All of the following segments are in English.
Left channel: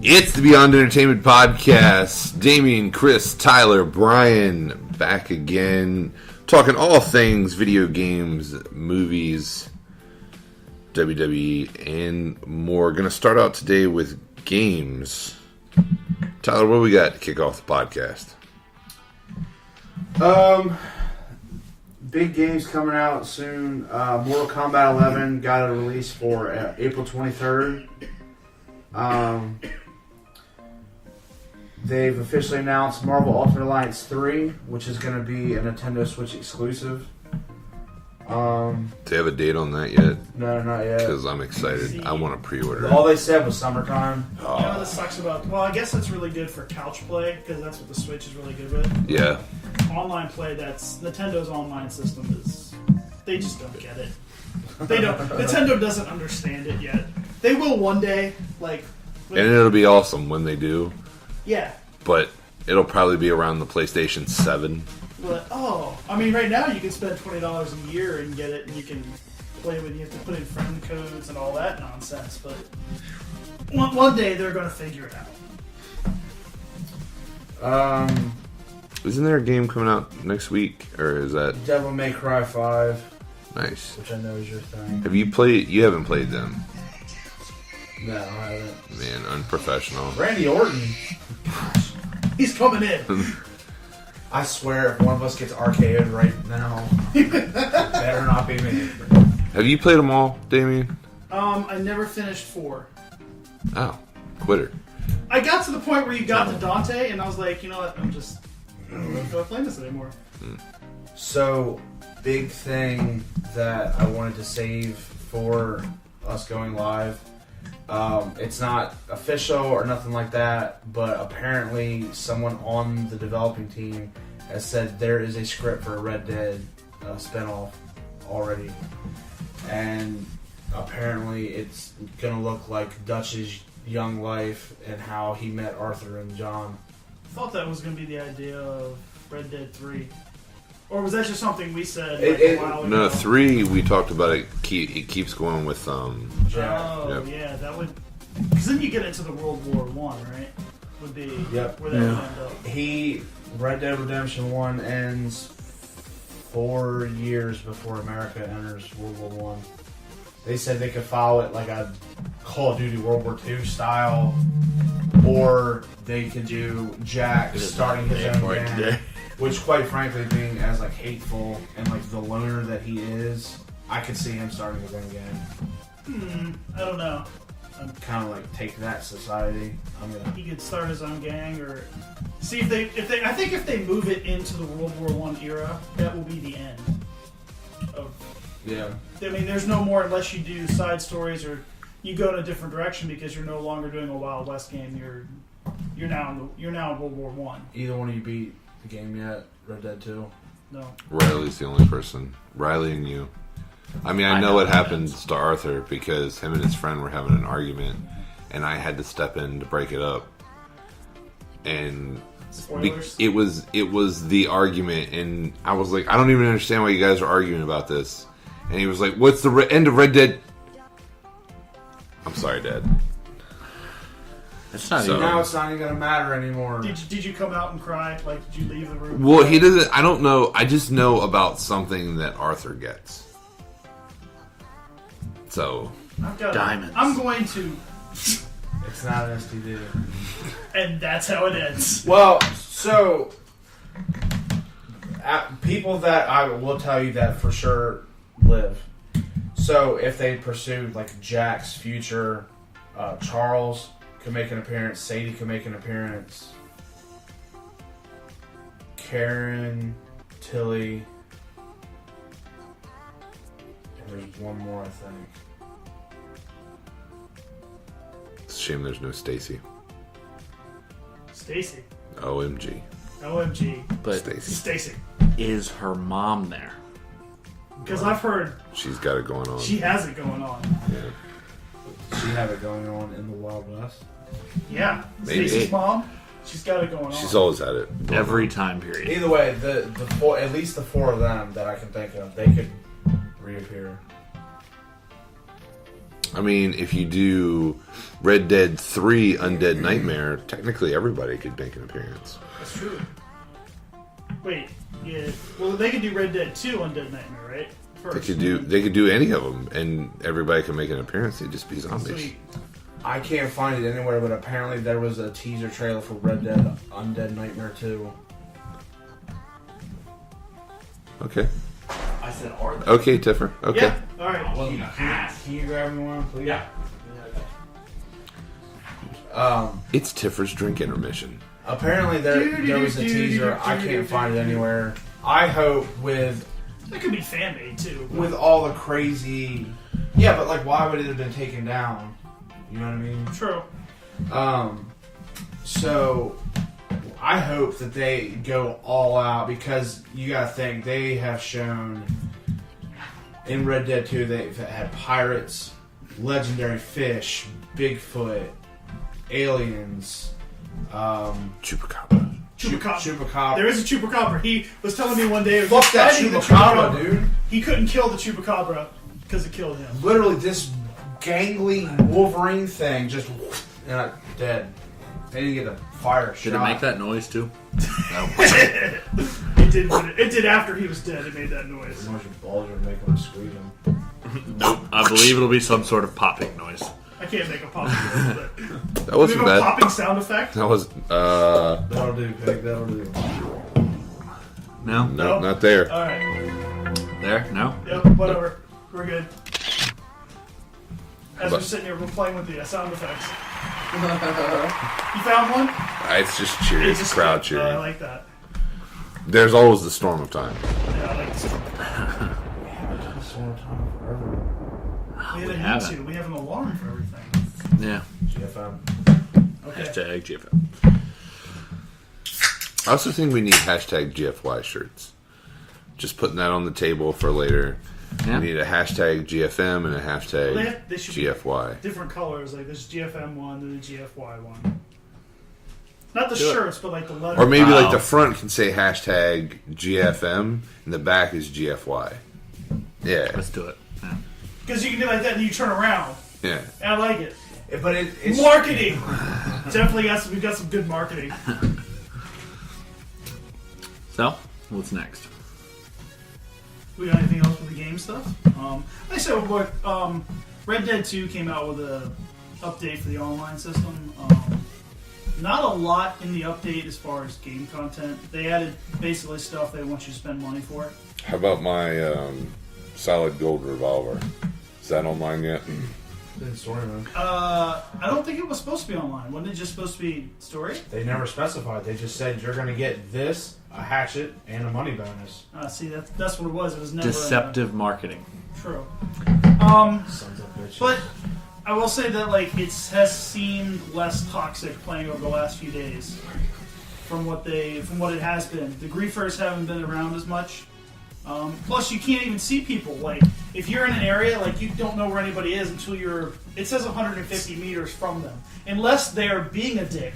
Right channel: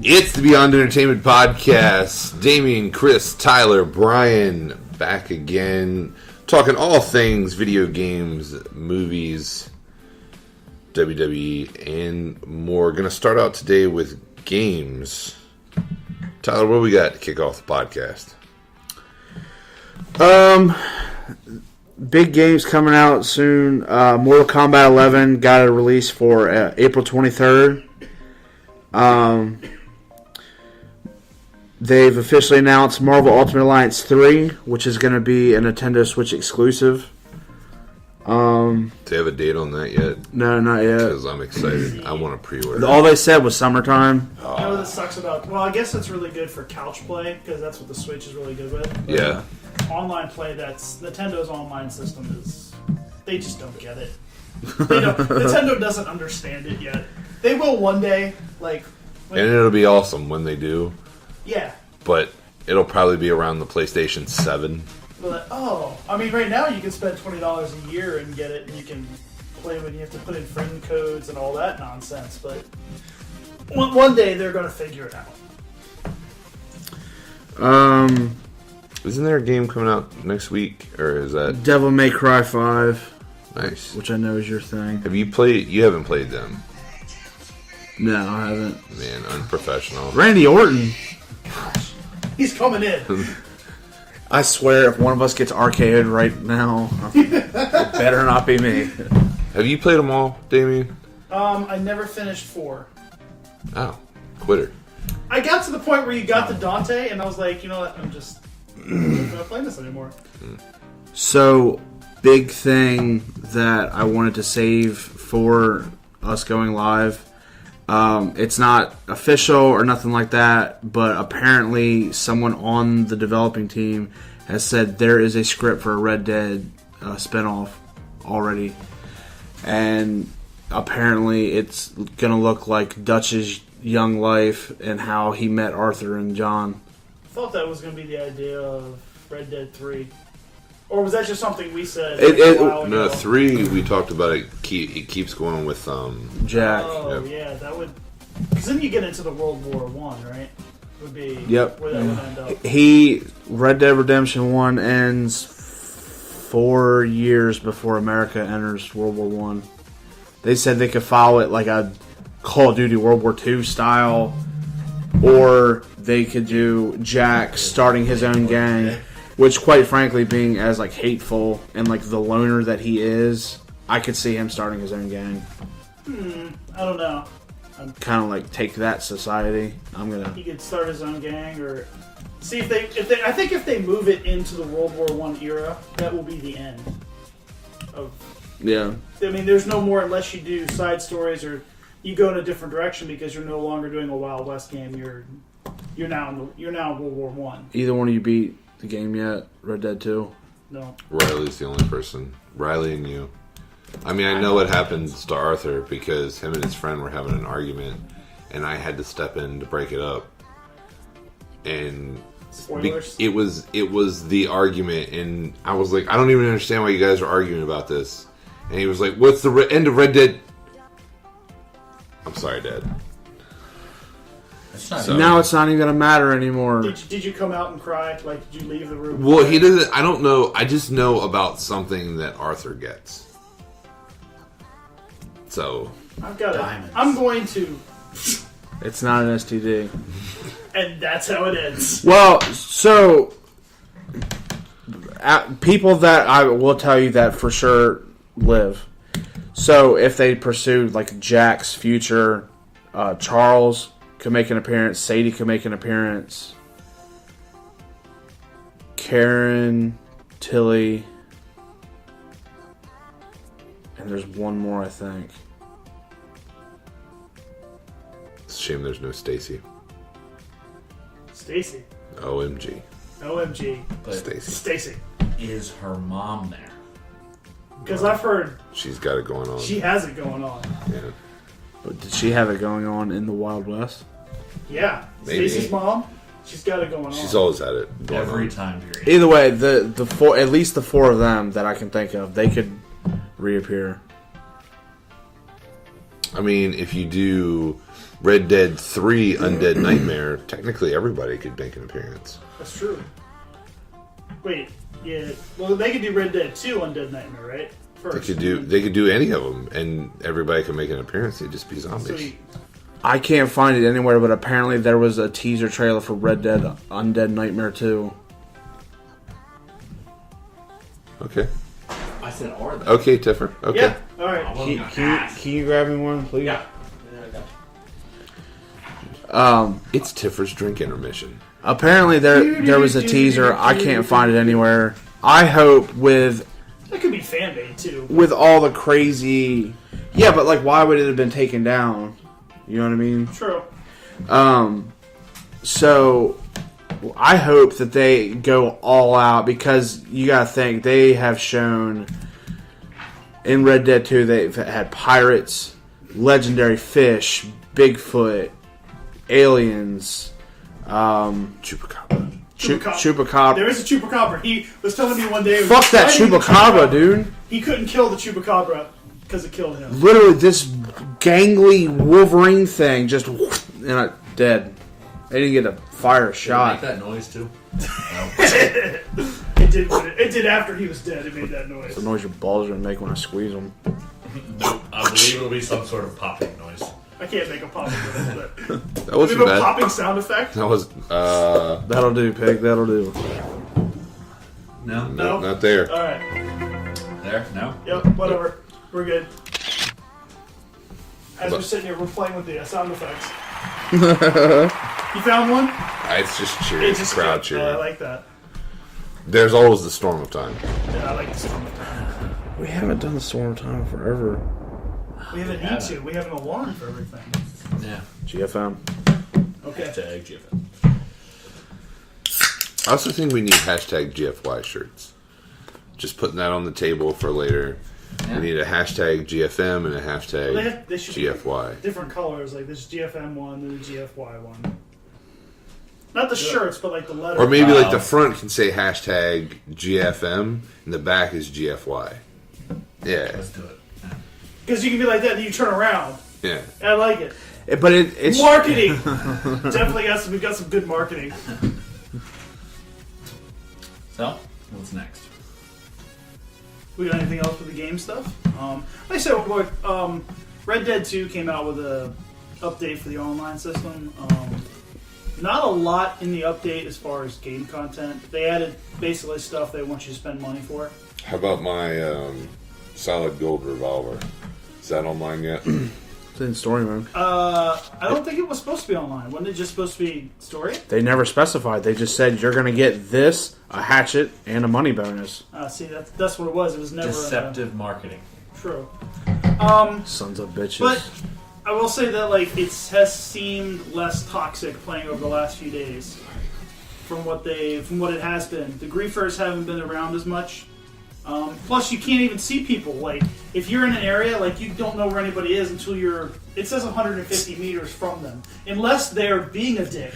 It's the Beyond Entertainment Podcast. Damian, Chris, Tyler, Brian, back again. Talking all things video games, movies, WWE, and more. Going to start out today with games. Tyler, what do we got to kick off the podcast? Big games coming out soon. Mortal Kombat 11 got a release for April 23rd. They've officially announced Marvel Ultimate Alliance 3, which is going to be a Nintendo Switch exclusive. Do they have a date on that yet? No, not yet. Because I'm excited. I want to pre-order. All they said was summertime. You know what this sucks about? Well, I guess it's really good for couch play, because that's what the Switch is really good with. Yeah. Online play, that's Nintendo's online system is... They just don't get it. Nintendo doesn't understand it yet. They will one day, like... And it'll be awesome when they do. Yeah. But it'll probably be around the PlayStation 7. But, I mean, right now you can spend $20 a year and get it, and you can play with it. You have to put in friend codes and all that nonsense, but one day they're going to figure it out. Isn't there a game coming out next week, or is that Devil May Cry 5? Nice. Which I know is your thing. Have you played? You haven't played them. No, I haven't. Man, unprofessional. Randy Orton. He's coming in. I swear, if one of us gets RKO'd right now, it better not be me. Have you played them all, Damian? I never finished 4. Oh, quitter. I got to the point where you got the Dante, and I was like, you know what, I'm not playing this anymore. So, big thing that I wanted to save for us going live. It's not official or nothing like that, but apparently someone on the developing team has said there is a script for a Red Dead spinoff already. And apparently it's going to look like Dutch's young life and how he met Arthur and John. I thought that was going to be the idea of Red Dead 3. Or was that just something we said a while ago? No, 3, we talked about it. It keeps going with Jack. Oh, Yep. Yeah, that would... Because then you get into the World War I, right? Would be Yep. where that would end up. Red Dead Redemption 1 ends 4 years before America enters World War 1. They said they could follow it like a Call of Duty World War II style, or they could do Jack starting his own gang. Which, quite frankly, being as like hateful and like the loner that he is, I could see him starting his own gang. I don't know. Kind of like take that society. He could start his own gang, or see if they. I think if they move it into the World War I era, that will be the end. Yeah. I mean, there's no more unless you do side stories or you go in a different direction because you're no longer doing a Wild West game. You're now World War I. Either one of you beat the game yet? Red Dead 2? No. Riley's the only person. Riley and you. I mean, I know what happened to Arthur because him and his friend were having an argument, and I had to step in to break it up. And it was the argument, and I was like, I don't even understand why you guys are arguing about this. And he was like, "What's the end of Red Dead?" I'm sorry, Dad. So now it's not even gonna matter anymore. Did you come out and cry? Like, did you leave the room? Well, he doesn't. I don't know. I just know about something that Arthur gets. So I'm going to. It's not an STD. And that's how it ends. Well, so people that I will tell you that for sure live. So if they pursued like Jack's future, Charles could make an appearance. Sadie could make an appearance. Karen, Tilly, and there's one more, I think. It's a shame there's no Stacy. Stacy. OMG. But Stacy. Is her mom there? Because I've heard she's got it going on. She has it going on. Yeah. But did she have it going on in the Wild West? Yeah. Maybe. Stacy's mom, she's got it going on. She's always had it going Every on. time period. Either way, the four, at least the four of them that I can think of, they could reappear. I mean, if you do Red Dead 3 Undead Nightmare, technically everybody could make an appearance. That's true. Wait, yeah. Well, they could do Red Dead 2 Undead Nightmare, right? First. They could do any of them, and everybody could make an appearance. They'd just be zombies. Sweet. I can't find it anywhere, but apparently there was a teaser trailer for Red Dead Undead Nightmare 2. Okay. I said are they? Okay, Tiffer. Okay. Yeah. All right. I wasn't gonna ask. Can you grab me one, please? Yeah. It's Tiffer's drink intermission. Apparently there was a teaser. I can't find it anywhere. I hope with That could be fan made too. with all the crazy... Yeah, but like, why would it have been taken down? You know what I mean? True. So I hope that they go all out, because you gotta think, they have shown in Red Dead 2 they've had pirates, legendary fish, Bigfoot, aliens, Chupacabra. Chupacabra. There is a chupacabra. He was telling me one day. Fuck that Chupacabra, dude. He couldn't kill the chupacabra because it killed him. Literally, this gangly Wolverine thing just dead. They didn't get a fire Did it shot. make that noise too? It did after he was dead. It made that noise. The noise your balls are gonna make when I squeeze them. I believe it'll be some sort of popping noise. I can't make a popping noise with it. That Do we wasn't have a bad. popping sound effect? That was That'll do, pig. That'll do. No? no, not there. All right. There? No? Yep. Whatever. We're good. As we're sitting here, we're playing with the sound effects. You found one? It's just cheering. It's It's just crowd I cheering. like that. There's always the storm of time. Yeah, I like this. We haven't done the Storm of Time forever. We haven't need to. We have an alarm for everything. Yeah. GFM. Okay. Hashtag GFM. I also think we need hashtag GFY shirts. Just putting that on the table for later. Yeah. We need a hashtag GFM and a hashtag They should GFY. be different colors. Like this GFM one and the GFY one. Not the shirts, but like the letters. Or maybe like the front can say hashtag GFM and the back is GFY. Yeah. Let's do it. Because you can do like that and you turn around. Yeah. I like it. But it's Marketing! Definitely we've got some good marketing. So, what's next? We got anything else with the game stuff? Like I said, Red Dead 2 came out with a update for the online system. Not a lot in the update as far as game content. They added basically stuff they want you to spend money for. How about my solid gold revolver? Is that online yet? It's in story mode. I don't think it was supposed to be online. Wasn't it just supposed to be story? They never specified. They just said you're gonna get this, a hatchet, and a money bonus. See, that's what it was. It was never Deceptive marketing. True. Sons of bitches. But I will say that like it has seemed less toxic playing over the last few days from what it has been. The griefers haven't been around as much. Plus, you can't even see people. Like if you're in an area, like you don't know where anybody is until it says 150 meters from them, unless they're being a dick.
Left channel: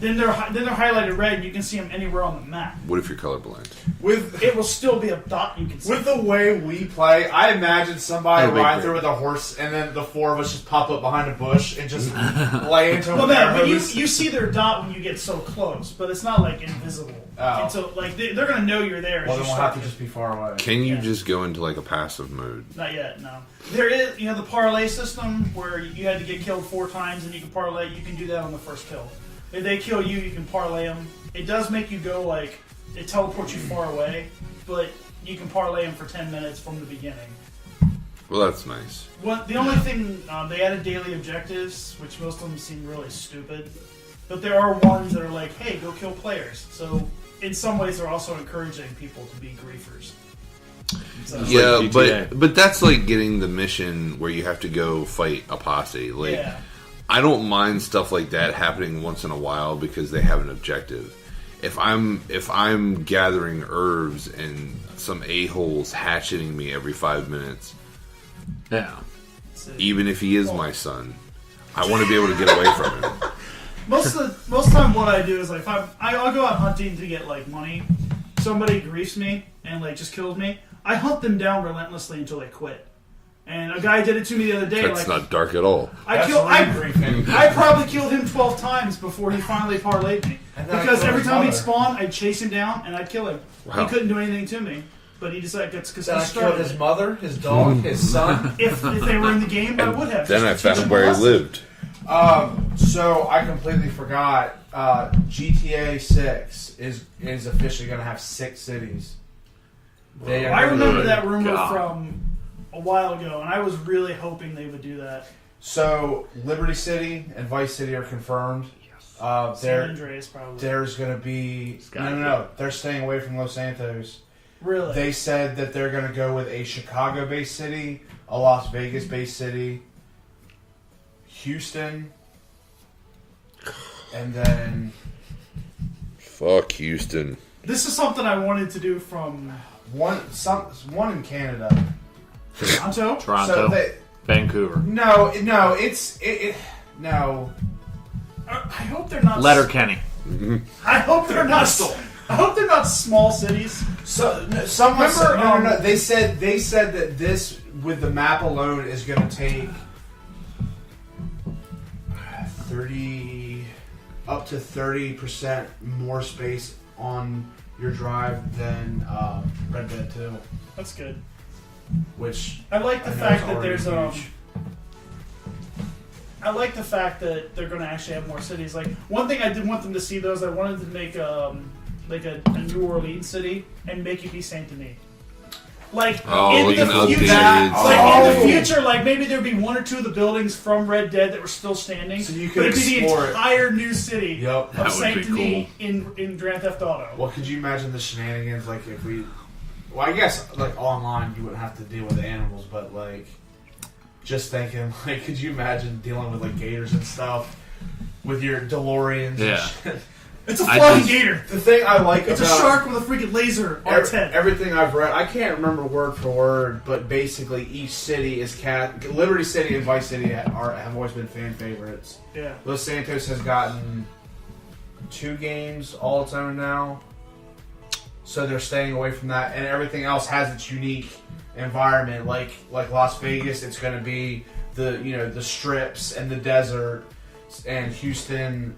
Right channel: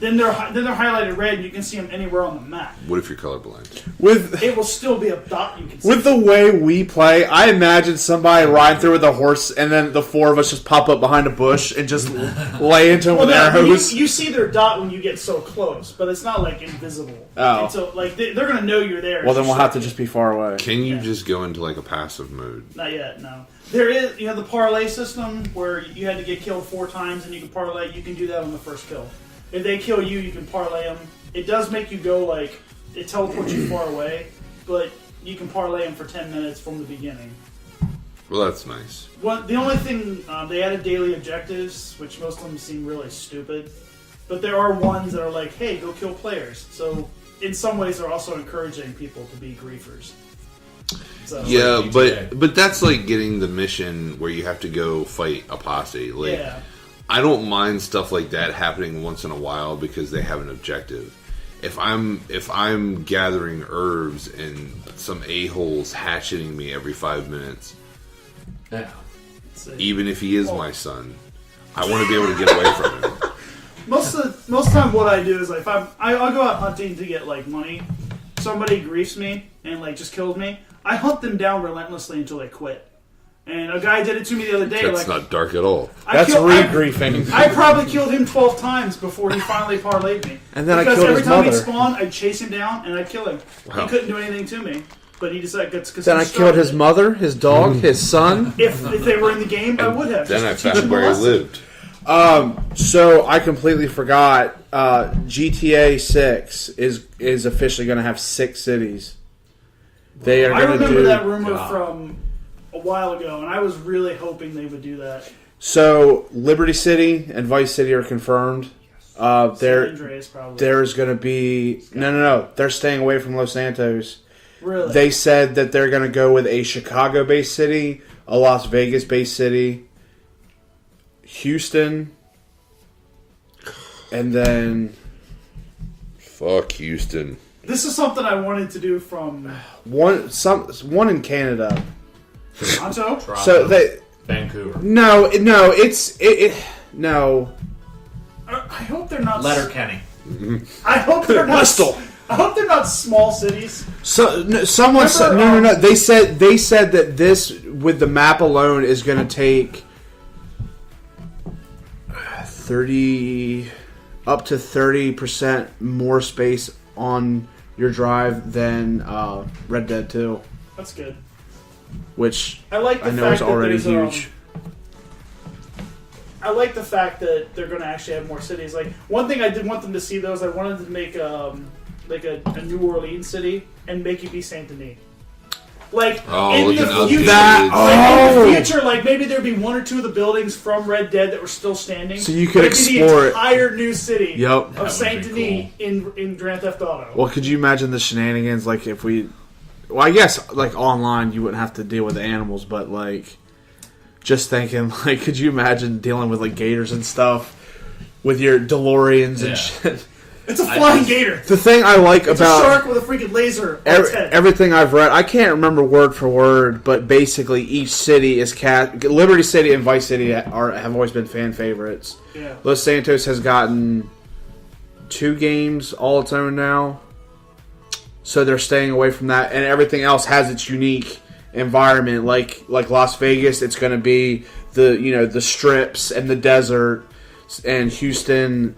Then they're highlighted red, and you can see them anywhere on the map. What if you're colorblind? With It will still be a dot you can see. the way we play, I imagine somebody riding through with a horse, and then the four of us just pop up behind a bush and just lay into them Well, with no, but arrows. you see their dot when you get so close, but it's not like invisible. Oh. And so like they're gonna know you're there. Well, if then you we'll have to start just be far away. Can you Yeah. just go into like a passive mode? Not yet, no. There is, the parlay system where you had to get killed 4 times and you can parlay. You can do that on the first kill. If they kill you, you can parlay them. It does make you go like it teleports you far away, but you can parlay them for 10 minutes from the beginning. Well, that's nice. The only thing they added daily objectives, which most of them seem really stupid, but there are ones that are like, hey, go kill players. So in some ways, they're also encouraging people to be griefers. So, Yeah, like but that's like getting the mission where you have to go fight a posse. Like, yeah. I don't mind stuff like that happening once in a while because they have an objective. If I'm gathering herbs and some a-hole's hatcheting me every 5 minutes, Yeah. even if he is my son, I want to be able to get away from him. Most of the time, what I do is like, I'll go out hunting to get like money. Somebody griefs me and like just kills me. I hunt them down relentlessly until they quit. And a guy did it to me the other day. That's not dark at all. That's re-griefing. I probably killed him 12 times before he finally parlayed me. And then because I killed every his time mother. he'd spawn, I'd chase him down and I'd kill him. Wow. He couldn't do anything to me. But he decided it's because Then I killed his mother, his dog, his son. If they were in the game, I would have. Then I found where he lived. So I completely forgot. GTA 6 is officially going to have 6 cities. They are. I remember do, that rumor from a while ago, and I was really hoping they would do that. So Liberty City and Vice City are confirmed. San Andreas probably. There's going to be no. They're staying away from Los Santos. Really? They said that they're going to go with a Chicago-based city, a Las Vegas-based city, Houston, and then Fuck Houston. This is something I wanted to do from one in Canada. Toronto. So they Vancouver. no, no. I hope they're not. Letterkenny. I hope they're not. Bristol. I hope they're not small cities. So someone said no. They said that this with the map alone is going to take 30 up to 30% more space on your drive than Red Dead 2, That's good. which I like the I know fact is already that there's huge. I like the fact that they're going to actually have more cities. Like one thing I did want them to see though is I wanted to make like a New Orleans city and make it be Saint Denis. Like in like the an future, updated. in the future, like maybe there'd be 1 or 2 of the buildings from Red Dead that were still standing. So you could It'd be explore the it. entire new city Yep. of Saint Denis in Grand Theft Auto. Well, could you imagine the shenanigans? Like if we, well, I guess like online you wouldn't have to deal with the animals, but like just thinking, like, could you imagine dealing with like gators and stuff with your DeLoreans and shit? It's a flying gator. The thing I like It's about a shark with a freaking laser on its head. everything I've read, I can't remember word for word, but basically each city is Liberty City and Vice City have always been fan favorites. Yeah. Los Santos has gotten 2 games all its own now, so they're staying away from that, and everything else has its unique environment. Like Las Vegas, it's going to be the strips and the desert, and Houston.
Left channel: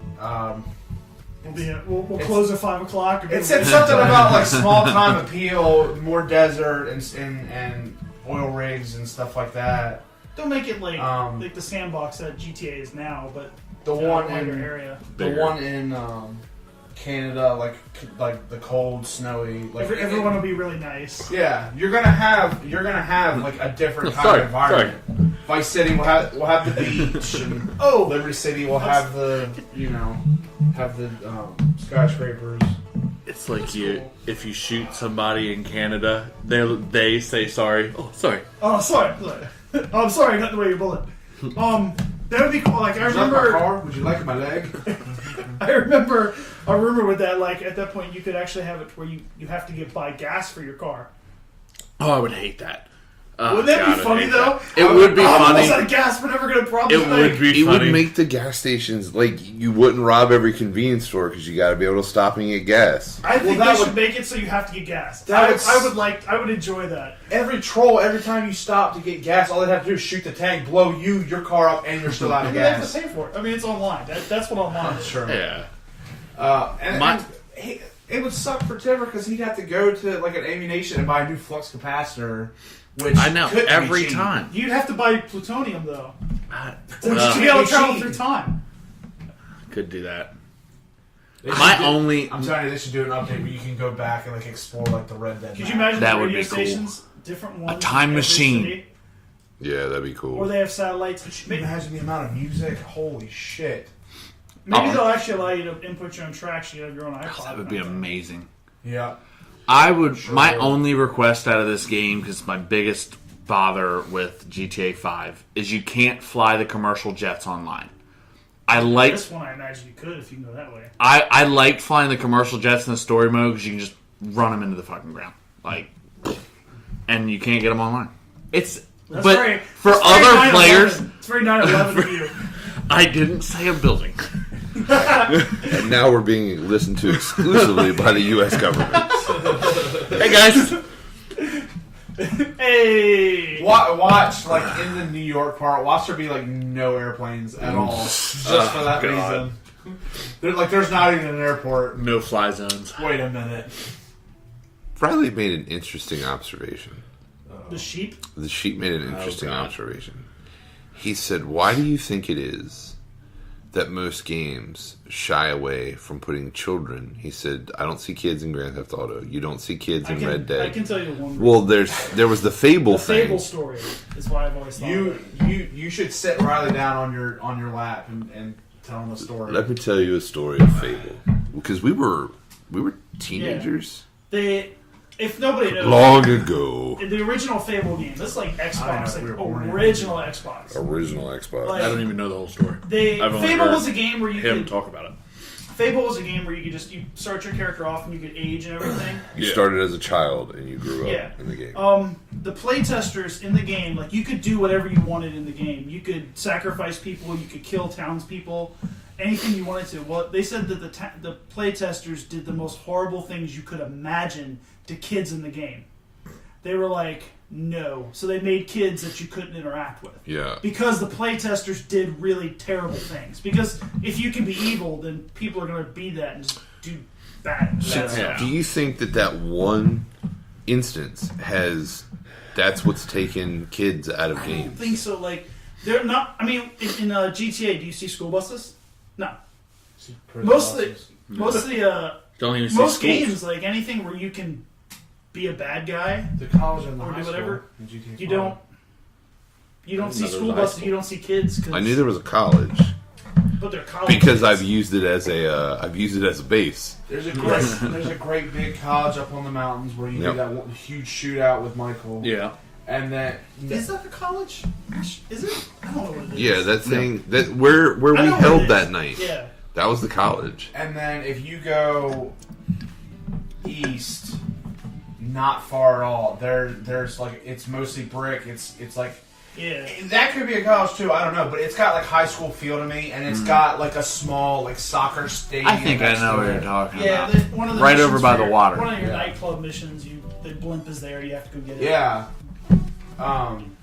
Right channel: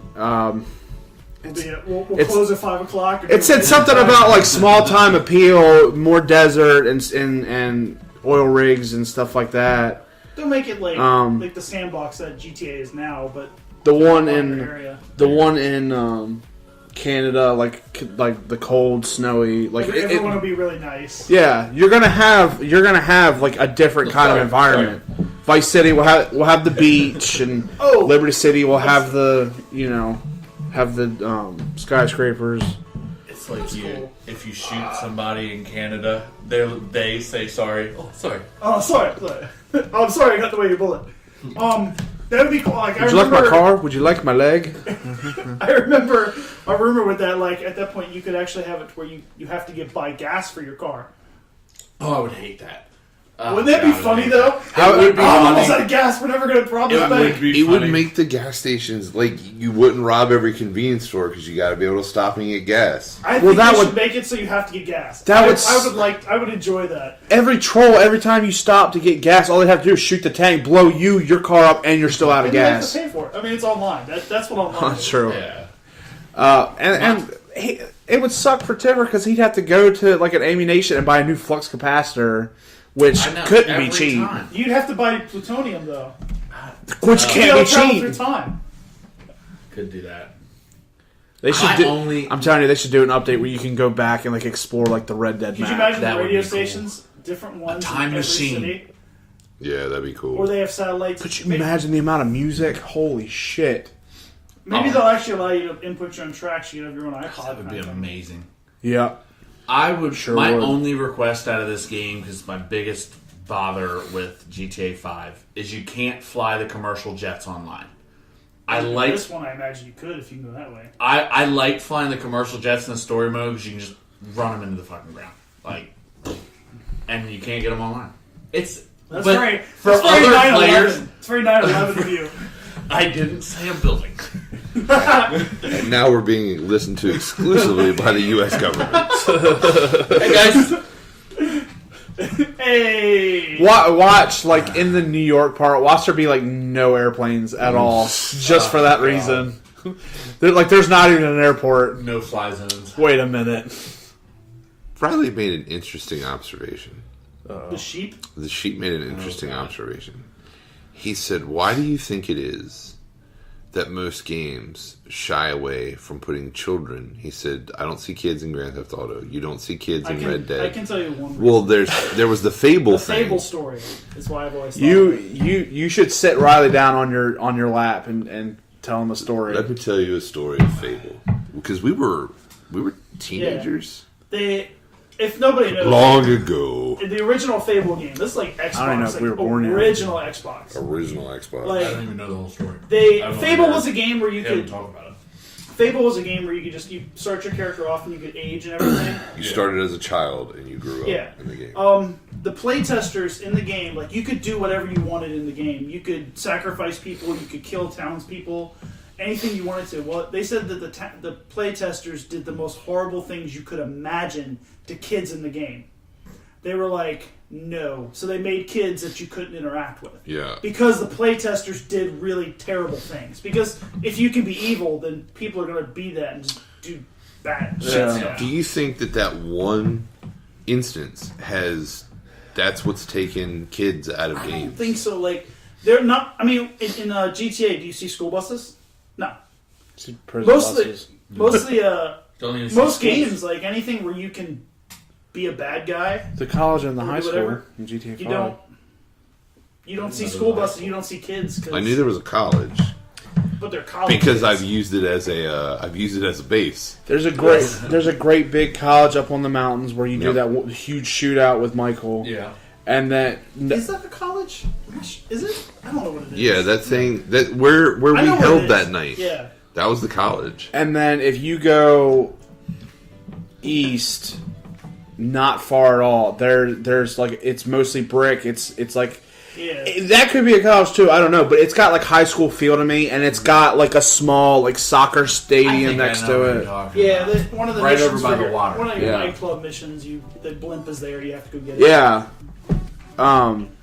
We'll close at 5 o'clock. It said something about like small time appeal, more desert and oil rigs and stuff like that. They'll make it like the sandbox that GTA is now, but The one your in area. one in Canada, like the cold, snowy, like Everyone will be really nice. yeah, you're gonna have like a different kind of environment. Vice City will have the beach, and Liberty City will have the skyscrapers. It's like if you shoot somebody in Canada, they say sorry. Oh, sorry. Oh, sorry. I'm sorry. I got the way your bullet. That would be cool. Like, Would you like my car? Would you like my leg? I remember a rumor with that. Like at that point, you could actually have it where you have to buy gas for your car. Oh, I would hate that. Wouldn't that be funny though? It would be I'm almost funny. out of gas. We're never gonna rob this thing. It would make the gas stations like you wouldn't rob every convenience store because you got to be able to stop and get gas. I think they should make it so you have to get gas. I would enjoy that. Every time you stop to get gas, all they have to do is shoot the tank, blow your car up, and you're still out of And you have gas. to pay for it. I mean, it's online. That's what online. That's true. Yeah. It would suck for Timber because he'd have to go to like an ammunition and buy a new flux capacitor, which couldn't be cheap. Time. You'd have to buy plutonium though. Which To be can't able be to travel cheap. through time. Could do that. They should I'm telling you, they should do an update where you can go back and like explore like the Red Dead Could map. you imagine That the would radio be cool. stations, different ones, time in every machine. city? Yeah, that'd be cool. Or they have satellites. Could you imagine the amount of music? Holy shit! Maybe they'll actually allow you to input your own tracks. You have your own iPod. That would be kind of thing. amazing. Yeah. I would. My would. only request out of this game, because my biggest bother with GTA 5 is you can't fly the commercial jets online. This one, I imagine you could if you can go that way. I like flying the commercial jets in the story mode because you can just run them into the fucking ground, and you can't get them online. That's but very for that's very other 9/11. players. It's very 9/11 of you. I didn't say a building. And now we're being listened to exclusively by the U.S. government. Hey guys, Hey! Watch, like, in the New York part, watch there be, like, no airplanes at all. Just for that reason. There's not even an airport. No fly zones. Wait a minute. Riley made an interesting observation. The sheep? The sheep made an interesting observation. He said, why do you think it is that most games shy away from putting children? He said, I don't see kids in Grand Theft Auto. You don't see kids in Red Dead. I can tell you one. Well, there was the Fable thing. Fable story is why I've always thought You should sit Riley down on your lap and tell him a story. Let me tell you a story of Fable. Because we were teenagers. If nobody knows, Long ago. in the original Fable game, this is like I don't even know Xbox, if we were like born yet. original Xbox. Original Xbox. Like, I don't even know the whole story. Fable was a game where you We haven't could talked about it. Fable was a game where you could you start your character off and you could age and everything. You started as a child and you grew up Yeah. in the game. The playtesters in the game, like, you could do whatever you wanted in the game. You could sacrifice people, you could kill townspeople, anything you wanted to. Well, they said that the playtesters did the most horrible things you could imagine to kids in the game. They were like, no. So they made kids that you couldn't interact with. Yeah. Because the playtesters did really terrible things. Because if you can be evil, then people are going to be that and just do bad. Yeah. Do you think that one instance that's what's taken kids out of I games? don't think so. Like, they're not. I mean, in GTA, do you see school buses? No. Most games, like anything where you can be a bad guy, The college and the Or high school whatever. in GTA 5. you don't see school buses. You don't see kids. I knew there was a college but they're college because kids. I've used it as a base. There's a great big college up on the mountains where you do that huge shootout with Michael. Yeah. And that Is that a college? Is it? I don't know what it is. Yeah, that thing where we I know what it held is. that night. Yeah. That was the college. And then if you go east, not far at all, there's like, it's mostly brick. It's like, Yeah. that could be a college too. I don't know, but it's got like high school feel to me, and it's got like a small like soccer stadium next to it. Yeah, one of the Right missions over by for the water. One of your Yeah. nightclub missions, the blimp is there. You have to go get it. Yeah.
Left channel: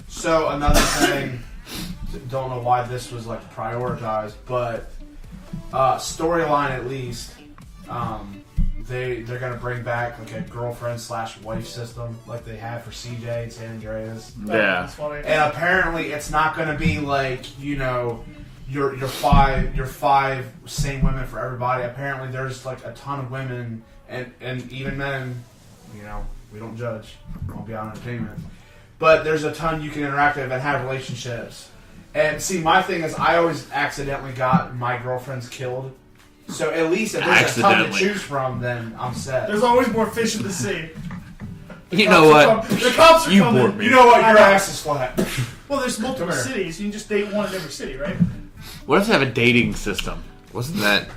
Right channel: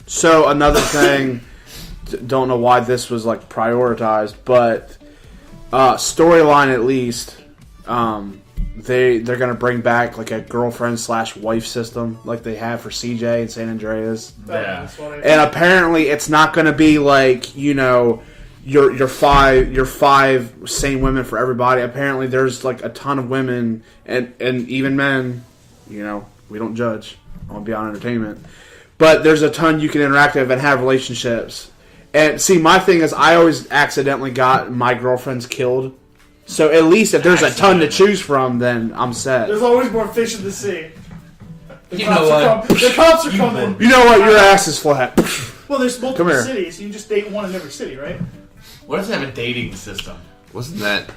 So another thing, don't know why this was like prioritized, but storyline at least, they're gonna bring back like a girlfriend/wife system like they have for CJ and San Andreas. Oh, Yeah. that's funny. And apparently it's not gonna be like, your five same women for everybody. Apparently there's like a ton of women and even men. We don't judge. I want to be on entertainment. But there's a ton you can interact with and have relationships. And see, my thing is I always accidentally got my girlfriends killed. So at least if there's a ton to choose from, then I'm set. There's always more fish in the sea. You know what? The cops are coming. You know what? Your ass is flat. Well, there's multiple Come here. cities. You can just date one in every city, right? What if they have a dating system? Wasn't that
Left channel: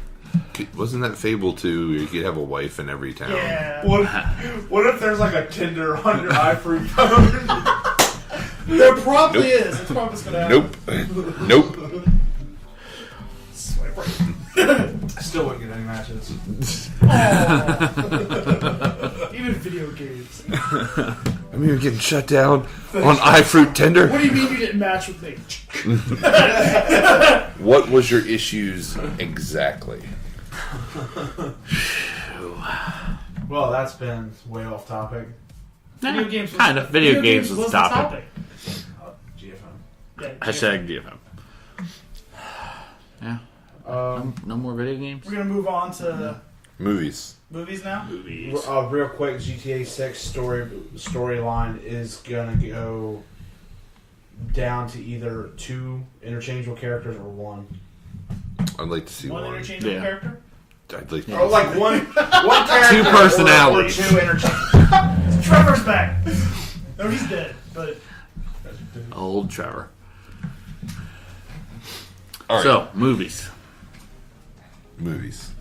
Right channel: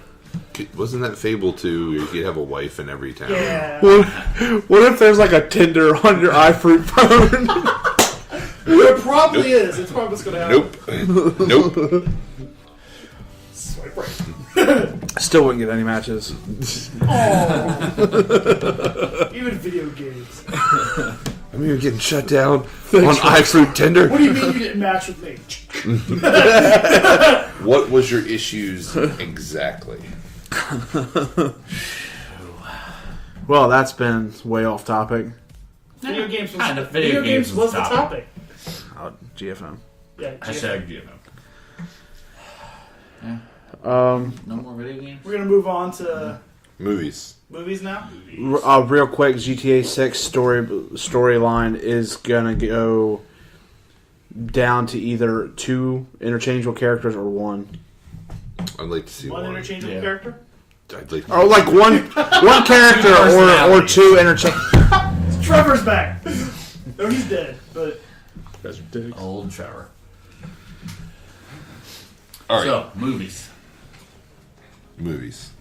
Fable 2 where you could have a wife in every town? Yeah. What if there's like a Tinder on your iFruit phone? There probably is. It's probably what's going to happen. Nope. Swipe right. Still wouldn't get any matches. Oh. Even video games. I mean, you're getting shut down on iFruit Tinder. What do you mean you didn't match with me? What was your issues exactly? Well, that's been way off topic. Video games was, Kind of. Video games was the was topic. GFM. Yeah, Hashtag DFM. No more video games? We're going to move on to Movies. movies now. Real quick, GTA 6 storyline is gonna go down to either 2 interchangeable characters or 1. I'd like to see One one. interchangeable Yeah. character. I'd like to Or like one character or 2 interchangeable. Trevor's back. No, he's dead, but Old Trevor. All right. So, movies. Movies.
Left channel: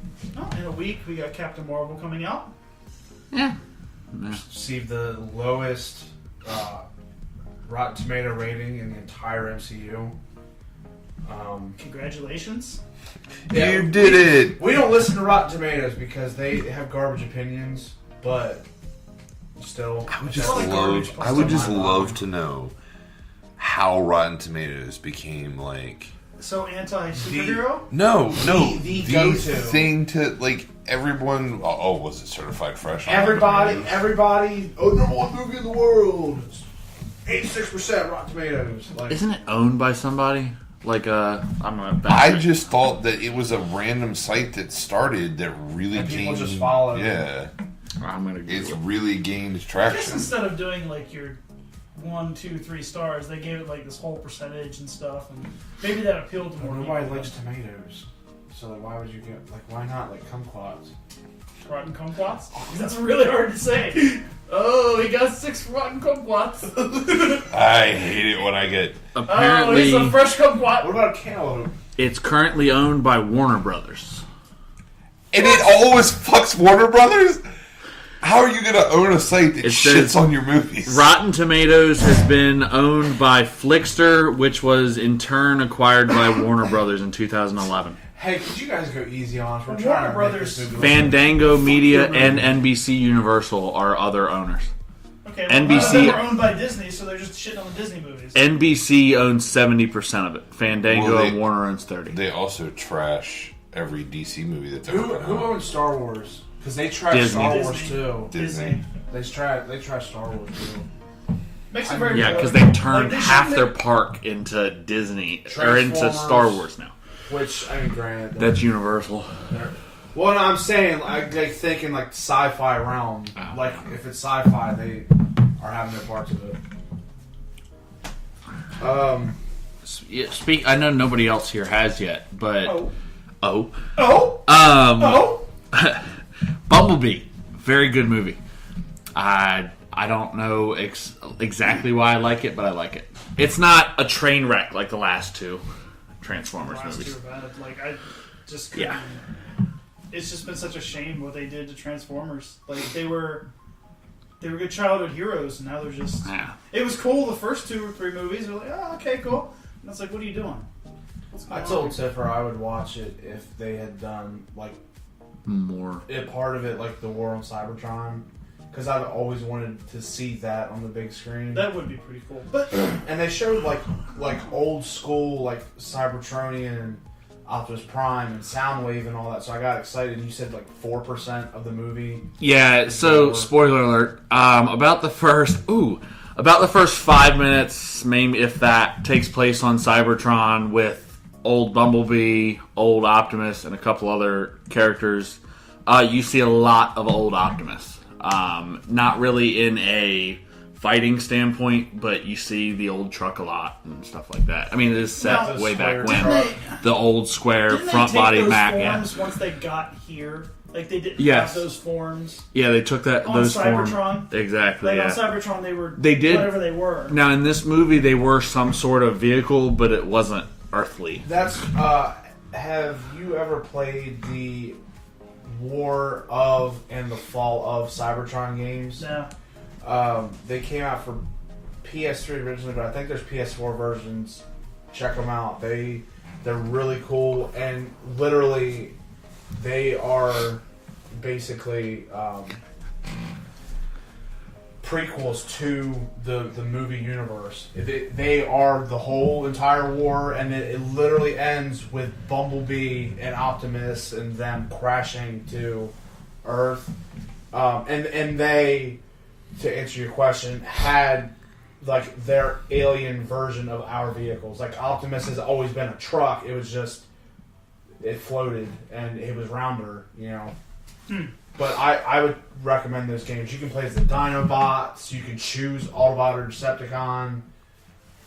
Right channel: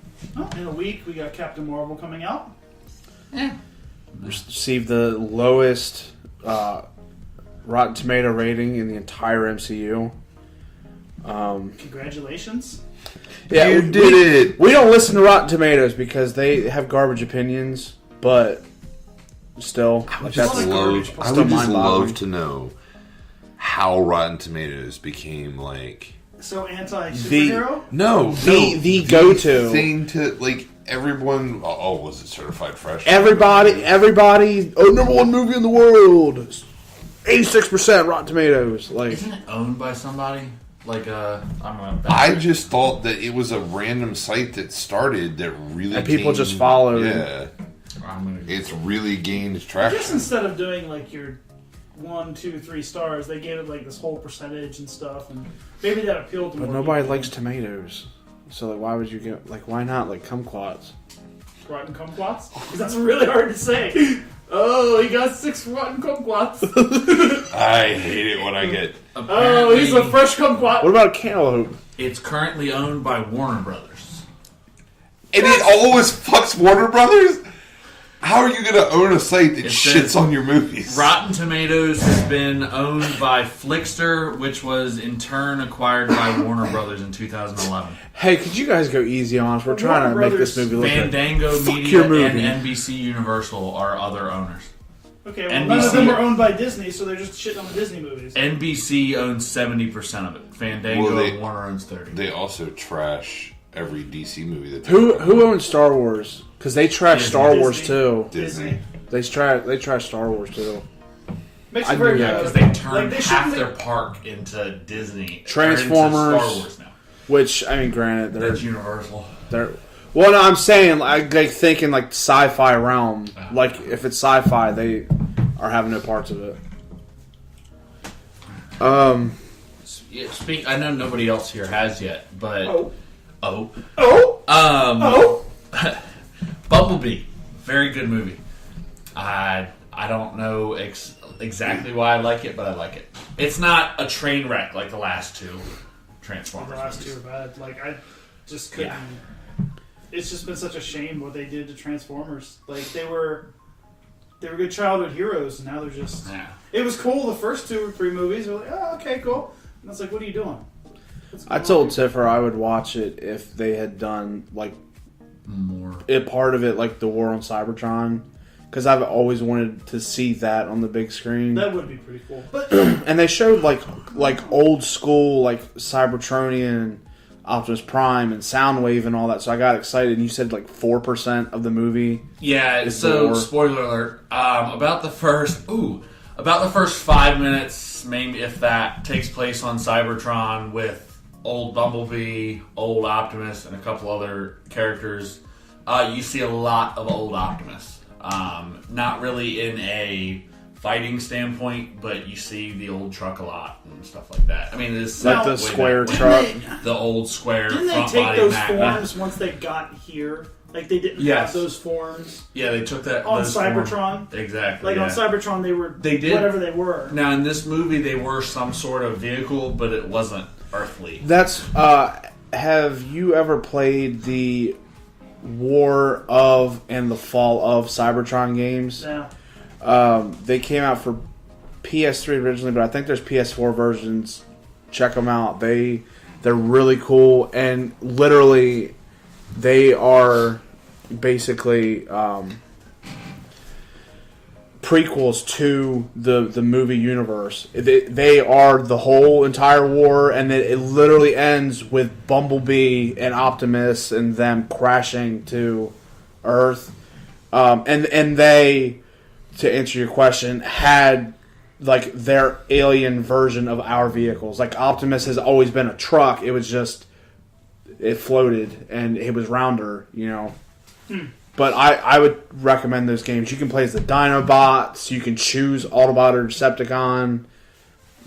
in a week we got Captain Marvel coming out. Received the lowest Rotten Tomato rating in the entire MCU. Congratulations. Yeah, You did it. We don't listen to Rotten Tomatoes because they have garbage opinions, but Still, I would Just just like love. garbage. I would just Still love mind-boggling. to know how Rotten Tomatoes became like So anti-superhero? The go-to. thing to like everyone. Oh, was it certified fresh? Everybody, number one movie in the world. 86% Rotten Tomatoes. Like, Isn't it owned by somebody? Like I don't know. I just thought that it was a random site that started that really And people gained- just followed. Yeah, I'm gonna it's really gained I guess traction. instead of doing like your 1, 2, 3 stars, they gave it like this whole percentage and stuff, and maybe that appealed to but more nobody people. likes tomatoes. So like, why would you get like? Why not like kumquats? Rotten kumquats? Because that's really hard to say. Oh, he got 6 rotten kumquats. I hate it when I get. Oh, he's a fresh kumquat. What about a cantaloupe? It's currently owned by Warner Brothers. And it always fucks Warner Brothers. How are you going to own a site that It shits says on your movies? Rotten Tomatoes has been owned by Flickster, which was in turn acquired by Warner Brothers in 2011. Hey, could you guys go easy on us? We're Warner trying to make Brothers- this movie look like Fandango Fuck Media your movie. and NBC Universal are other owners. Okay, well, none of them NBC are owned by Disney, so they're just shitting on the Disney movies. NBC owns 70% of it. Fandango Well, and Warner owns 30%. They also trash every DC movie that Who owns Star Wars? Because they trash Disney. Star Wars Disney. too. Disney. They trash Star Wars too. Makes it very Yeah, good. because they turned Like, they half shouldn't their have- park into Disney. Transformers. Or into Star Wars now. Which I mean, granted, That's Universal. they're. Well, no, I'm saying like thinking like sci-fi realm. Like if it's sci-fi, they are having no parts of it. Yeah, I know nobody else here has yet, but Oh. Oh. Bumblebee, very good movie. I don't know exactly why I like it, but I like it. It's not a train wreck like the last two Transformers. The last 2 movies. are bad. Like, I just couldn't. Yeah. It's just been such a shame what they did to Transformers. Like, they were good childhood heroes, and now they're just. Yeah. It was cool the first 2 or 3 movies. We're like, oh, okay, cool. And it's like, what are you doing? What's I going told on? Tiffer I would watch it if they had done like More. part of it like the War on Cybertron, because I've always wanted to see that on the big screen. That would be pretty cool. But And they showed like old school like Cybertronian, Optimus Prime, and Soundwave and all that. So I got excited. And you said like 4% of the movie. Yeah. So More. spoiler alert. About the first 5 minutes, maybe if that, takes place on Cybertron with old Bumblebee, old Optimus, and a couple other characters. You see a lot of old Optimus. Not really in a fighting standpoint, but you see the old truck a lot and stuff like that. I mean, it's Well, the way square back when. truck. The old square didn't they front take body those Magna. forms once they got here? Like, they didn't Yes. have those forms Yeah, they took that on those Cybertron. Exactly. Like, yeah. on Cybertron, they were They did. whatever they were. Now in this movie, they were some sort of vehicle, but it wasn't earthly. That's have you ever played the War of and the Fall of Cybertron games? Yeah. They came out for PS3 originally, but I think there's PS4 versions. Check them out. They're really cool, and literally they are basically prequels to the movie universe. They are the whole entire war, and it literally ends with Bumblebee and Optimus and them crashing to Earth. And they, to answer your question, had like their alien version of our vehicles. Like Optimus has always been a truck. It was just it floated and it was rounder, you know. But I would recommend those games. You can play as the Dinobots. You can choose Autobot or Decepticon.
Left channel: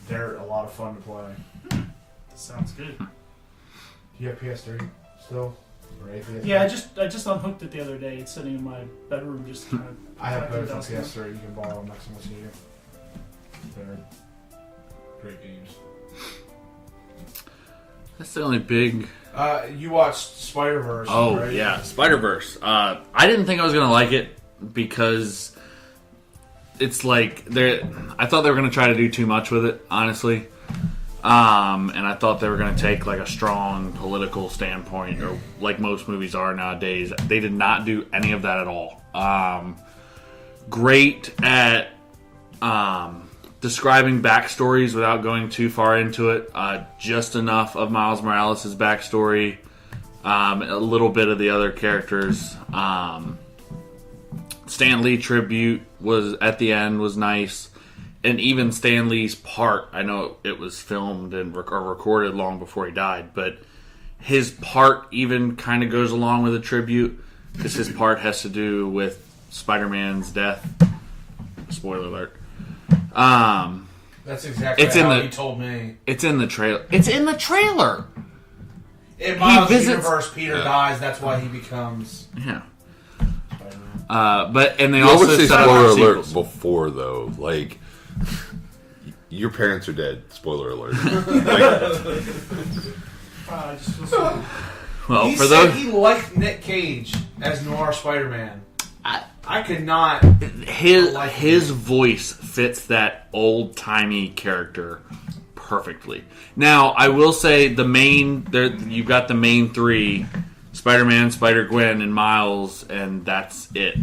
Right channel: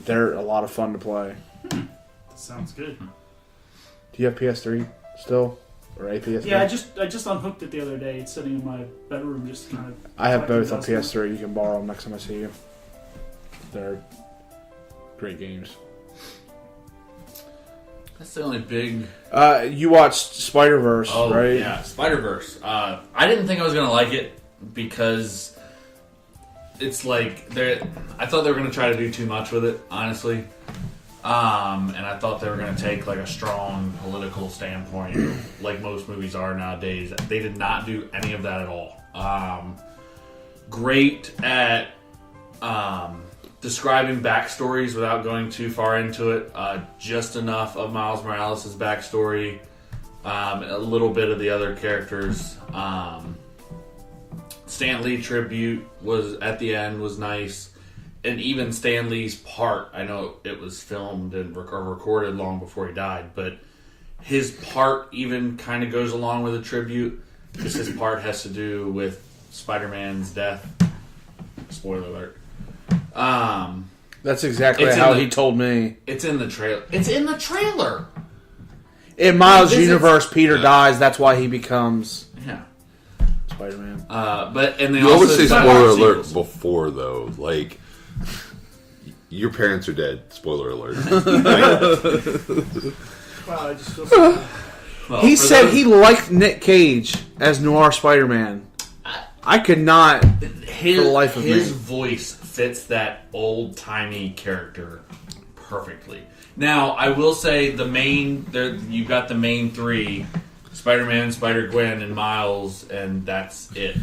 They're a lot of fun to play. That sounds good. Do you have PS3 still? Or a PS3? Yeah, I just unhooked it the other day. It's sitting in my bedroom, just kind of. I have both on collecting dust. PS3. You can borrow them next time I see you. They're great games. That's the only big. You watched Spider-Verse, Oh right? yeah, Spider-Verse. I didn't think I was gonna like it because it's like I thought they were gonna try to do too much with it, honestly. And I thought they were gonna take like a strong political standpoint, like most movies are nowadays. They did not do any of that at all. great at describing backstories without going too far into it. Just enough of Miles Morales' backstory, a little bit of the other characters. Stan Lee tribute was at the end was nice, and even Stan Lee's part. I know it was filmed and or recorded long before he died, but his part even kind of goes along with the tribute because his part has to do with Spider-Man's death. Spoiler alert. That's exactly It's how in the- he told me. It's in the trailer. It's in the trailer. In Miles' He visits- universe, Peter Yeah. dies. That's why he becomes Yeah. Spider-Man. And they You also always say said- spoiler alert before, though. Like, your parents are dead. Spoiler alert. Wow, I just feel so Well, He for said those- he liked Nick Cage as Noir Spider-Man. I could not. his for the life of his me. voice fits that old timey character perfectly. Now, I will say you got the main three: Spider-Man, Spider-Gwen, and Miles, and that's it.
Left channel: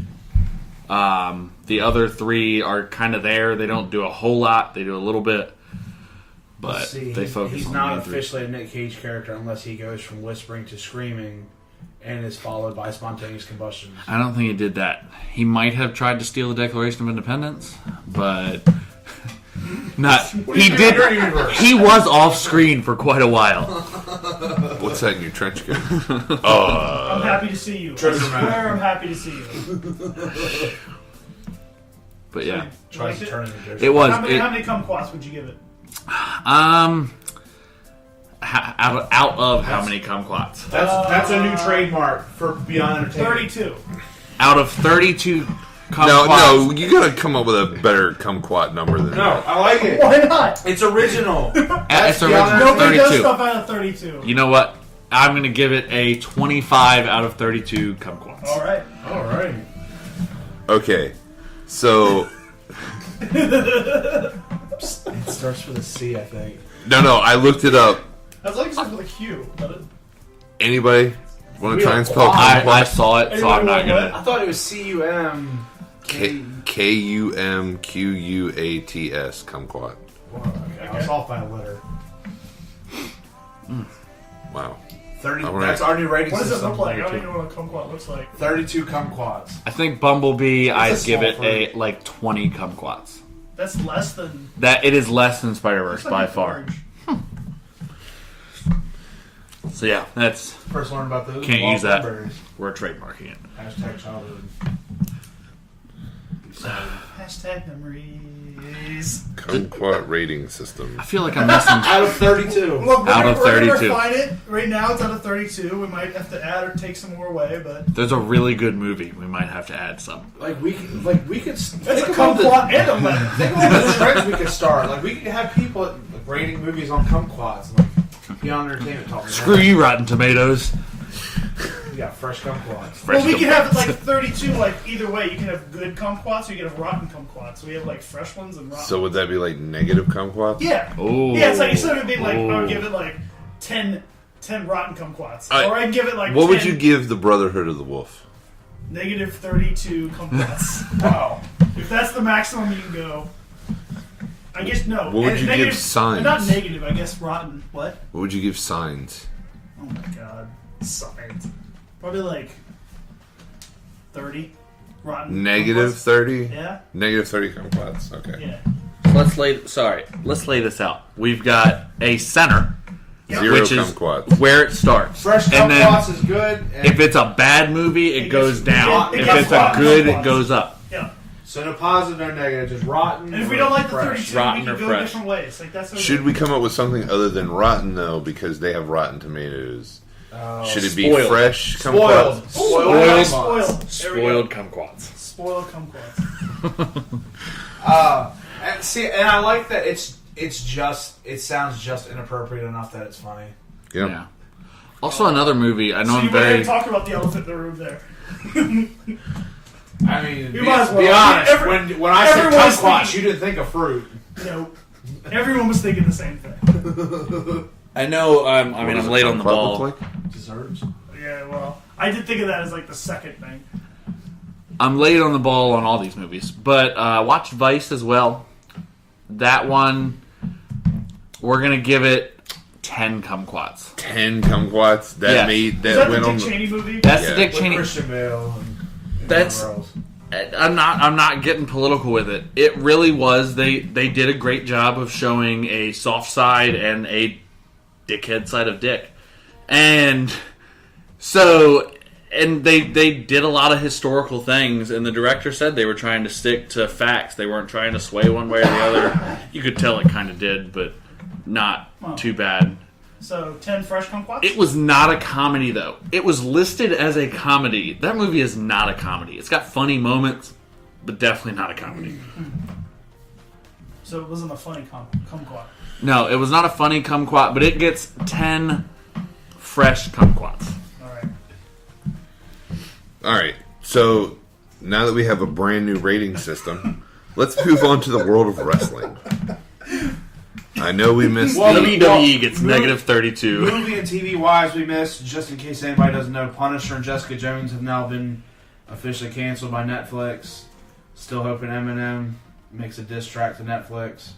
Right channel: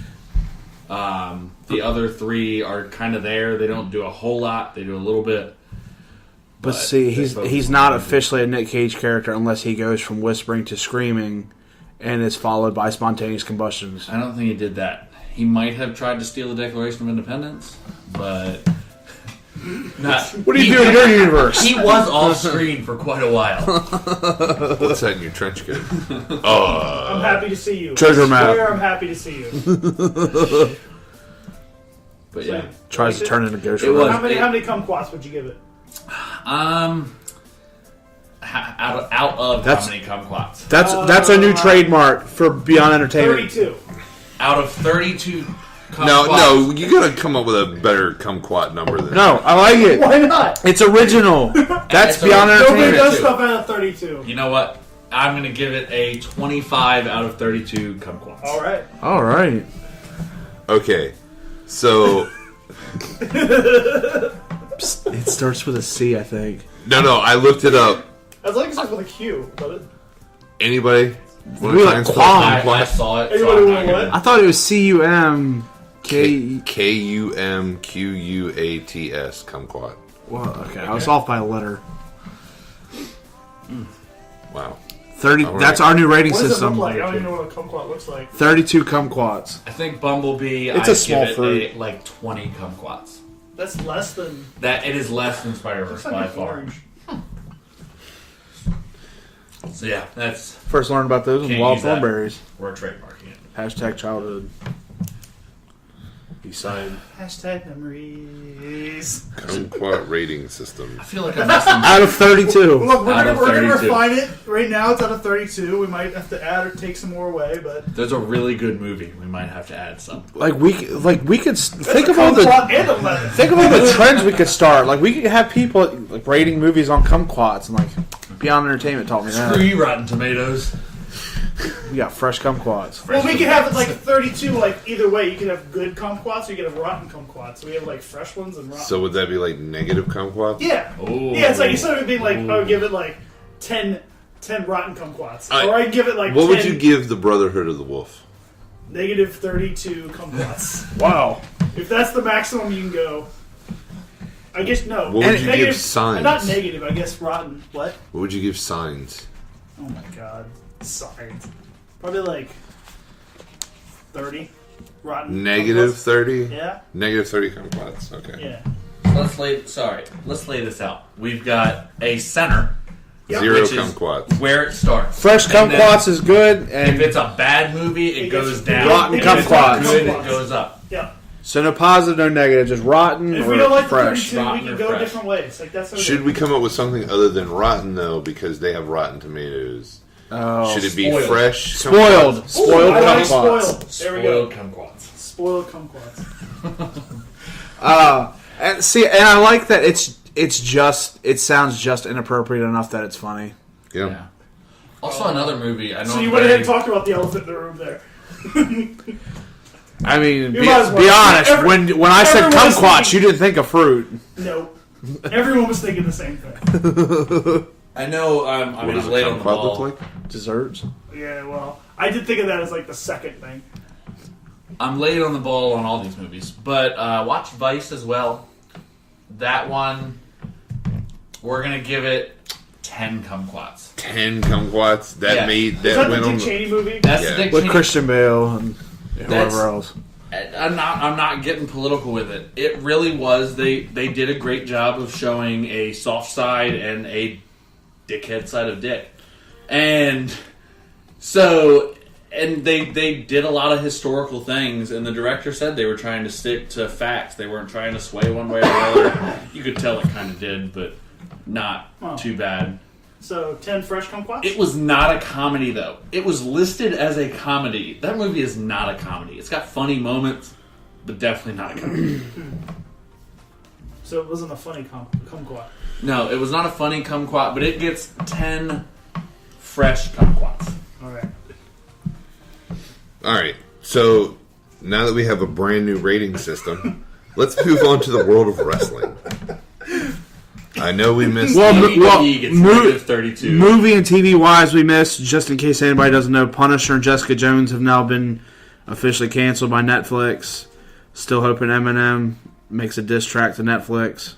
The other three are kind of there. They don't do a whole lot. They do a little bit. But see, they focus he's on not the- officially a Nick Cage character unless he goes from whispering to screaming, and is followed by spontaneous combustions. I don't think he did that. He might have tried to steal the Declaration of Independence, but not. What do you he do in did- your universe? He was off screen for quite a while. What's that in your trench coat? I'm happy to see you. Treasure I map. swear I'm happy to see you. But yeah, Tries to Like turn into Ghost It Rider. was- How many kumquats would you give it? out of That's- how many kumquats? That's a new trademark for Beyond Entertainment. 32. Out of 32 kumquats. No, you gotta come up with a better kumquat number than No, I like it. Why not? It's original. That's It's Beyond original. Nobody Entertainment. does 32. stuff out of 32. You know what? I'm going to give it a 25 out of 32 kumquats. All right. All right. Okay, so It starts with a C, I think. no, I looked it up. As long as it starts with a Q. But Anybody want We to try like and spell I kumquat? saw it, so Anybody I'm not want going what? I thought it was CUMK. Kumquats. Kumquat. Well, okay, I was off by a letter. Wow. 30. All right. That's our new rating What does it system. look like? I don't even know what a kumquat looks like. 32 kumquats. I think Bumblebee, It's a I'd give small it fruit. a, like 20 kumquats. That's less than. That it is less than Spider-Verse Looks like by it's far. orange. So yeah, that's First learned about those Can't wild use that. thornberries. we're trademarking it. Hashtag childhood. Excited. Hashtag memories. Kumquat rating system. I feel like I'm missing. Out of 32. Look, we're Out of gonna 32. refine it. Right now it's out of 32. We might have to add or take some more away, but There's a really good movie. We might have to add some. Like we could think that's a of all the kumquat and a lemon. think of all the trends we could start. Like we could have people like rating movies on kumquats, and like Beyond Entertainment taught me Screw that. you, Rotten Tomatoes. Yeah, fresh kumquats. Well, we could have like 32. Like either way, you can have good kumquats or you can have rotten kumquats. So we have like fresh ones and rotten. So would that be like negative kumquats? Yeah. Ooh. Yeah, it's like instead of it being like, Ooh. I would give it like 10 rotten kumquats. Alright. Or I'd give it like What 10 would you give the Brotherhood of the Wolf? negative 32 kumquats. Wow. If that's the maximum you can go. I guess no. What would you Negative- give Signs? Not negative, I guess rotten. What? What would you give Signs? Oh my god. Signs. Probably like 30 rotten. Negative kumquats. 30? Yeah? Negative 30 kumquats. Okay. Yeah. Let's lay this out. We've got a center Zero which is kumquats. where it starts. Fresh And then kumquats is good, If and it's a bad movie, it It goes gets- down. Rotten it If gets it's not kumquats. good, Kumquats. it goes up. Yeah. so no positive, no negative, just rotten. And if or we don't like the fresh. 32, we rotten can or go fresh. different ways. Like that's Should we come up with something other than rotten, though, because they have Rotten Tomatoes? Oh, Should it be spoiled. fresh spoiled, kumquats? spoiled I like kumquats. spoiled. There we go. Spoiled kumquats. Spoiled kumquats. And see, and I like that it sounds just inappropriate enough that it's funny. Yeah. Yeah. Also, another movie. I know So I'm you went ahead very. and talked about the elephant in the room there. I mean, You be might as well. honest. When I said everyone was kumquats, thinking- you didn't think of fruit. Nope. Everyone was thinking the same thing. I know. I What mean, does I'm a late on the kumquat ball. look like? Desserts. Yeah, well, I did think of that as like the second thing. I'm late on the ball on all these movies, but watch Vice as well. That one, we're gonna give it 10 kumquats. 10 kumquats. That Is that went the on. Dick Cheney movie? That's Yeah. Dick With Cheney. Christian Bale and That's- whoever else. I'm not getting political with it. It really was. They did a great job of showing a soft side and a dickhead side of Dick, and so they did a lot of historical things. And the director said they were trying to stick to facts. They weren't trying to sway one way or another. You could tell it kind of did, but not too bad. So 10 fresh kumquats? It was not a comedy, though. It was listed as a comedy. That movie is not a comedy. It's got funny moments, but definitely not a comedy. So it wasn't a funny kumquat. No, it was not a funny kumquat, but it gets 10 fresh kumquats. Alright. All right. So now that we have a brand new rating system, let's move on to the world of wrestling. I know we missed. WWE gets negative 32. Movie and TV wise, we missed, just in case anybody doesn't know, Punisher and Jessica Jones have now been officially canceled by Netflix. Still hoping Eminem makes a diss track to Netflix.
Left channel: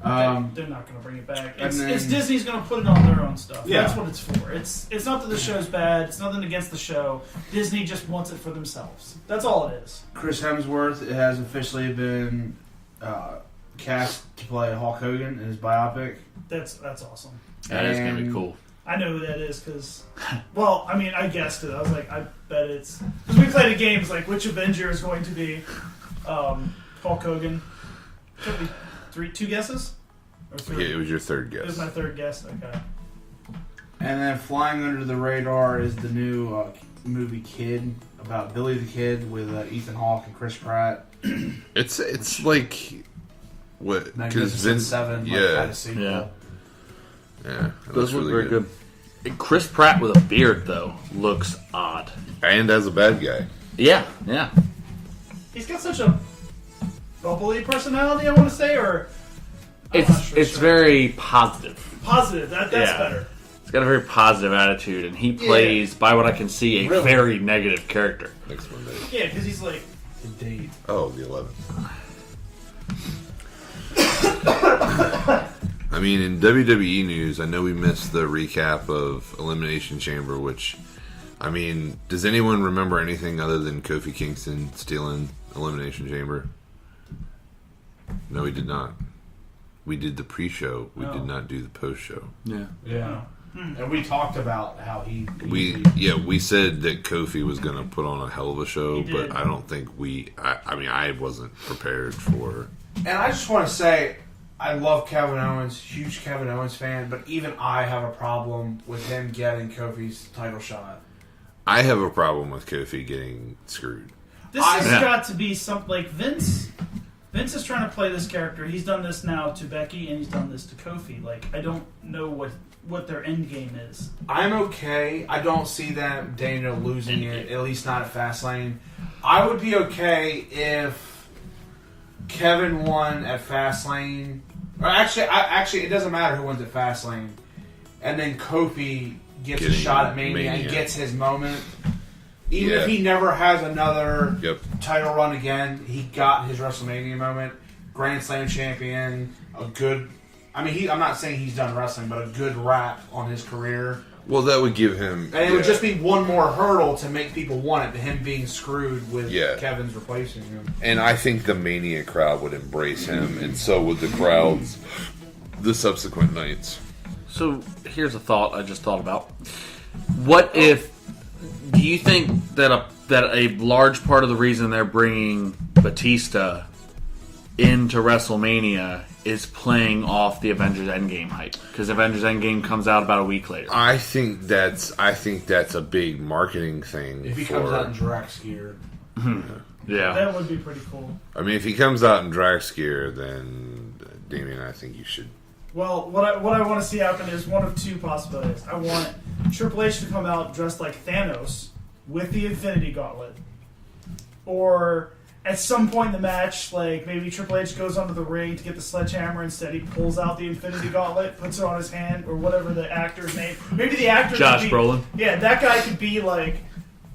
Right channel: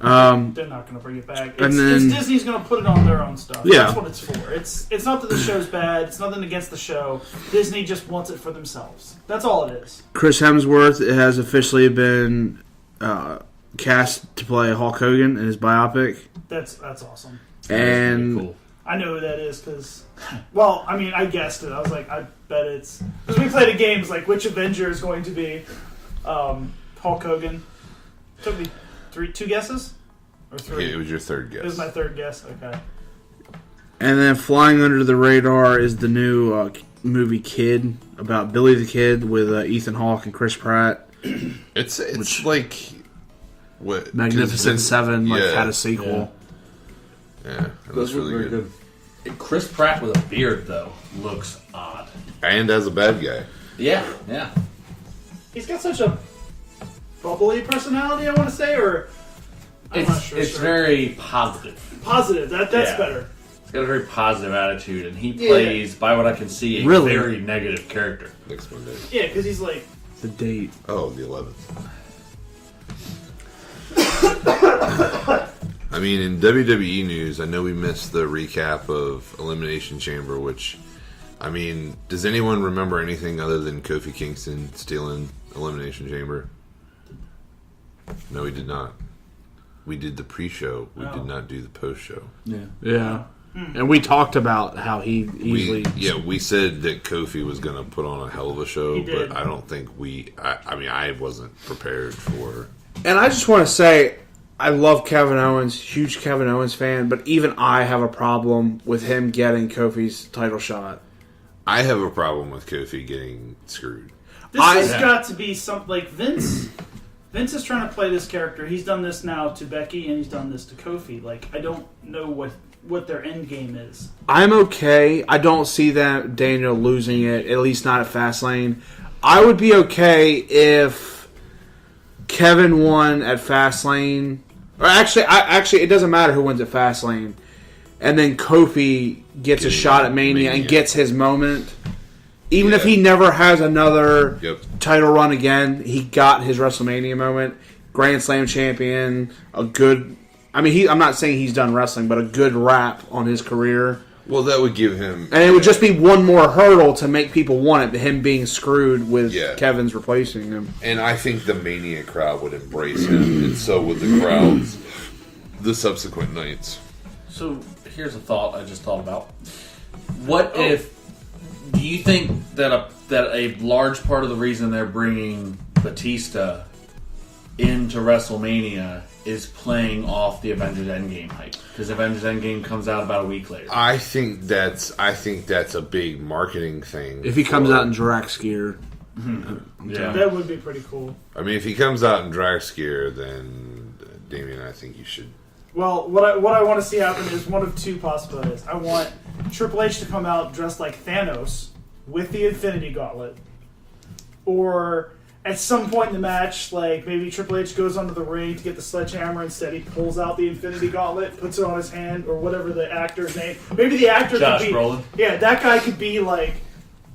They're not going to bring it back. And then- Disney's going to put it on their own stuff. Yeah. That's what it's for. It's not that the show's bad. It's nothing against the show. Disney just wants it for themselves. That's all it is. Chris Hemsworth has officially been cast to play Hulk Hogan in his biopic. That's awesome. And Cool. I know who that is because, well, I mean, I guessed it. I was like, I bet it's... Because we played a game, it's like, which Avenger is going to be Hulk Hogan? Took me two guesses? Or three? Yeah, it was your third It was guess. my third guess. Okay. And then flying under the radar is the new movie Kid, about Billy the Kid with Ethan Hawke and Chris Pratt. It's like what 'cause Magnificent Vince- Seven had a sequel. Yeah, it looks really good. Chris Pratt with a beard, though, looks odd. And as a bad guy. Yeah. He's got such a bubbly personality, I want to say, or... I'm not sure. It's very positive. Positive. That's Yeah. better. He's got a very positive attitude, and he plays, by what I can see, a Really? very negative character. Next Monday. Yeah, because he's like... The date. Oh, the 11th. I mean, in WWE news, I know we missed the recap of Elimination Chamber, which, I mean, does anyone remember anything other than Kofi Kingston stealing Elimination Chamber? No, we did not. We did the pre-show. We did not do the post-show. Yeah. And we talked about how he easily... We said that Kofi was going to put on a hell of a show, He did. but I don't think I wasn't prepared for... And I just want to say, I love Kevin Owens, huge Kevin Owens fan, but even I have a problem with him getting Kofi's title shot. I have a problem with Kofi getting screwed. This has got to be something like Vince. Vince is trying to play this character. He's done this now to Becky, and he's done this to Kofi. Like, I don't know what their end game is. I'm okay. I don't see that Daniel losing it, at least not at Fastlane. I would be okay if Kevin won at Fastlane. Or actually, it doesn't matter who wins at Fastlane. And then Kofi gets a shot at Mania and gets his moment. Even if he never has another title run again, he got his WrestleMania moment. Grand Slam champion, a good... I mean, I'm not saying he's done wrestling, but a good wrap on his career. Well, that would give him... And it would just be one more hurdle to make people want it, him being screwed with Kevin's replacing him. And I think the Mania crowd would embrace him, and so would the crowds the subsequent nights. So, here's a thought I just thought about. What if... Do you think that a large part of the reason they're bringing Batista into WrestleMania is playing off the Avengers Endgame hype? Because Avengers Endgame comes out about a week later. I think that's a big marketing thing. If he comes out in Drax gear. Yeah. That would be pretty cool. I mean, if he comes out in Drax gear, then Damian, I think you should... Well, what I want to see happen is one of two possibilities. I want Triple H to come out dressed like Thanos with the Infinity Gauntlet. Or at some point in the match, like maybe Triple H goes onto the ring to get the sledgehammer, instead he pulls out the Infinity Gauntlet, puts it on his hand, or whatever the actor's name. Maybe the actor Josh could be... Brolin. Yeah, that guy could be like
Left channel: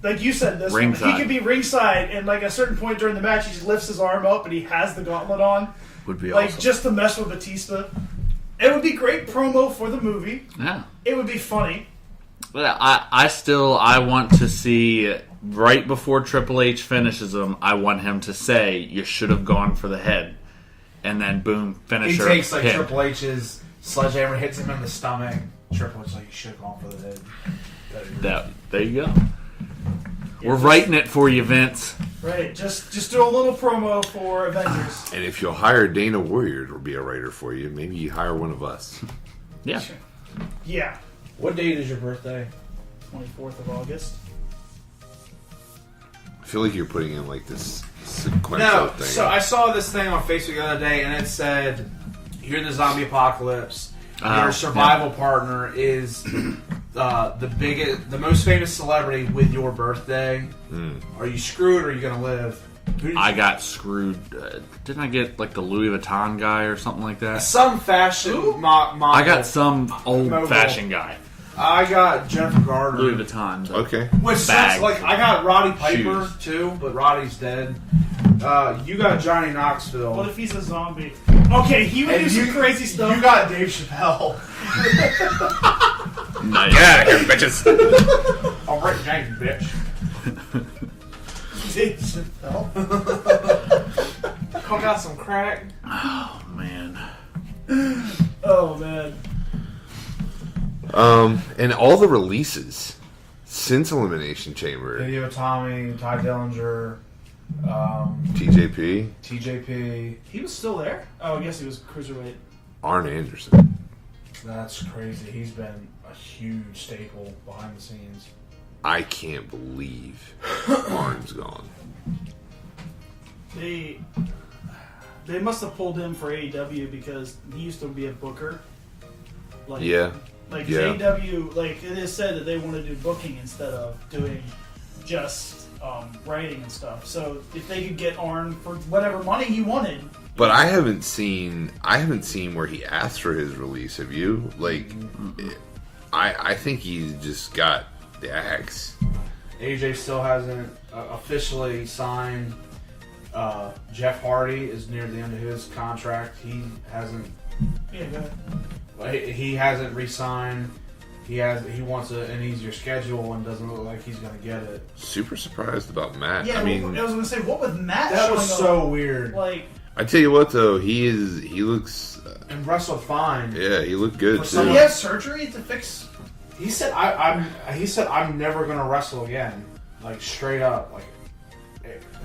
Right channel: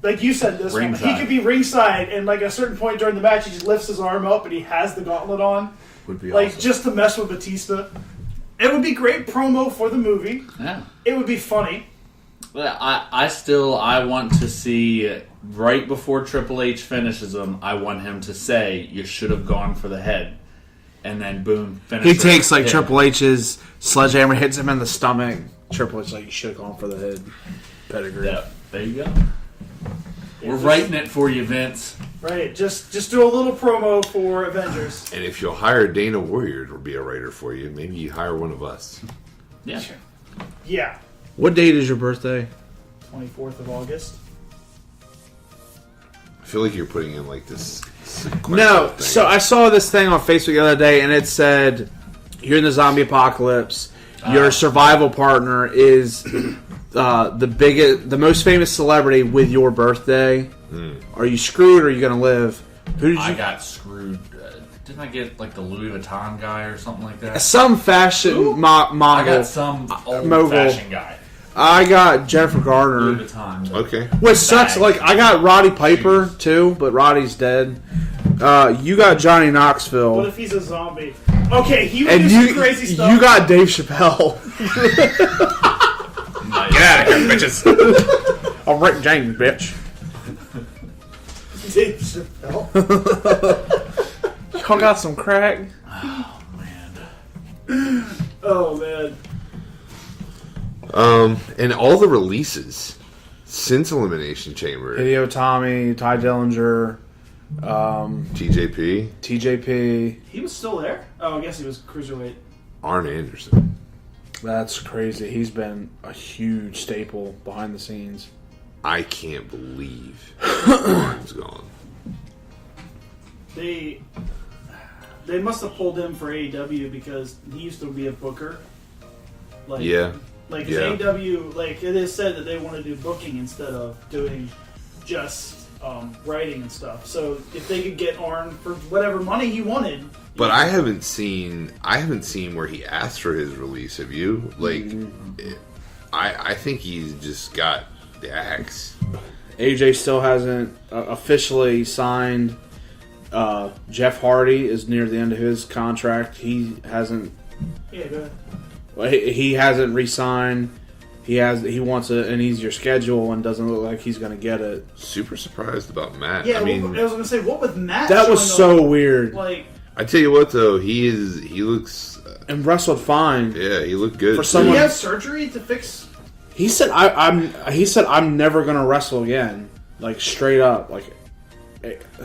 like you said, this one, he could be ringside, and like at a certain point during the match, he just lifts his arm up and he has the gauntlet on, Would be like awesome. just to mess with Batista. It would be great promo for the movie. Yeah. It would be funny. But I want to see right before Triple H finishes him. I want him to say, "You should have gone for the head," and then boom, finish. He takes like hit. Triple H's sledgehammer, hits him in the stomach. Triple H like, you should have gone for the head. Pedigree. Yeah, there you go. Yeah, We're just- writing it for you, Vince. Right, just do a little promo for Avengers. And if you'll hire Dana Warrior to be a writer for you, maybe you hire one of us. Yeah. Yeah, What date is your birthday? 24th of August. I feel like you're putting in like this sequential No, thing. so I saw this thing on Facebook the other day, and it said, "You're in the zombie apocalypse. Your survival partner is the most famous celebrity with your birthday. Are you screwed, or are you gonna live?" Who did you? I got screwed. Didn't I get like the Louis Vuitton guy or something like that? Some fashion I mogul. got some old Mogul. fashioned guy. I got Jennifer Garner. Louis Vuitton. Okay. Which sucks. Bag. Like I got Roddy Piper too, but Roddy's dead. You got Johnny Knoxville. What if he's a zombie? Okay, he would And do some crazy stuff. you got Dave Chappelle. Get out of here, bitches. I'm Rick James, bitch. Dave Chappelle. Y'all got some crack? Oh man. Oh man. And all the releases since Elimination Chamber, Hideo Tommy, Ty Dillinger, TJP, TJP. He was still there? Oh, I guess he was cruiserweight. Arn Anderson. That's crazy. He's been a huge staple behind the scenes. I can't believe Arn's gone. They must have pulled him for AEW because he used to be a booker. Like, Yeah. Like Yeah. AEW, like it is said that they want to do booking instead of doing just writing and stuff. So if they could get Arn for whatever money he wanted, But I haven't seen where he asked for his release. Have you? Like, I think he's just got the axe. AJ still hasn't officially signed. Jeff Hardy is near the end of his contract. He hasn't. yeah, go ahead. He hasn't re-signed. He wants an easier schedule and doesn't look like he's going to get it. Super surprised about Matt. Yeah, I mean, I was gonna say, what with Matt? That was showing so up? weird. Like, I tell you what though, he looks. And wrestled fine. Yeah, he looked good. For too. someone- he had surgery to fix. He said, I'm never going to wrestle again. Like straight up. Like,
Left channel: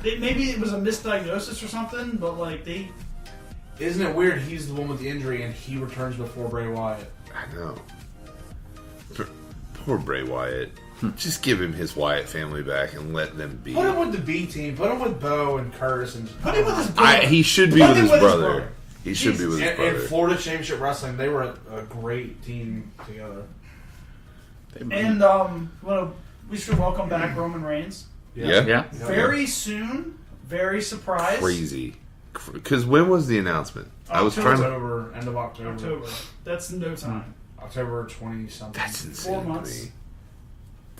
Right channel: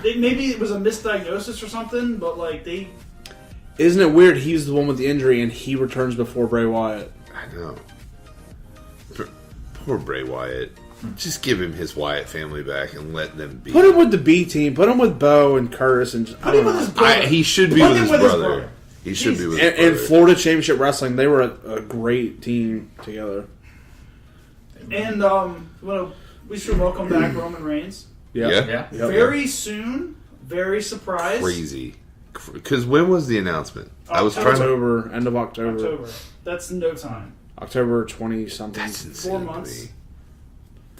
Maybe it was a misdiagnosis or something, but like isn't it weird? He's the one with the injury and he returns before Bray Wyatt. I know. Poor Bray Wyatt. Just give him his Wyatt family back and let them be. Put him with the B team. Put him with Bo and Curtis and put him with his brother. He should be Put with him his with his brother. brother. He should be with his in brother. Florida Championship Wrestling. They were a great team together. And we should welcome back Roman Reigns. Yeah. Yeah. Very soon. Very surprised. Crazy. Because when was the announcement? I was trying to. October, end of October. October. That's no time. October 20 something. That's insane 4 to months. me.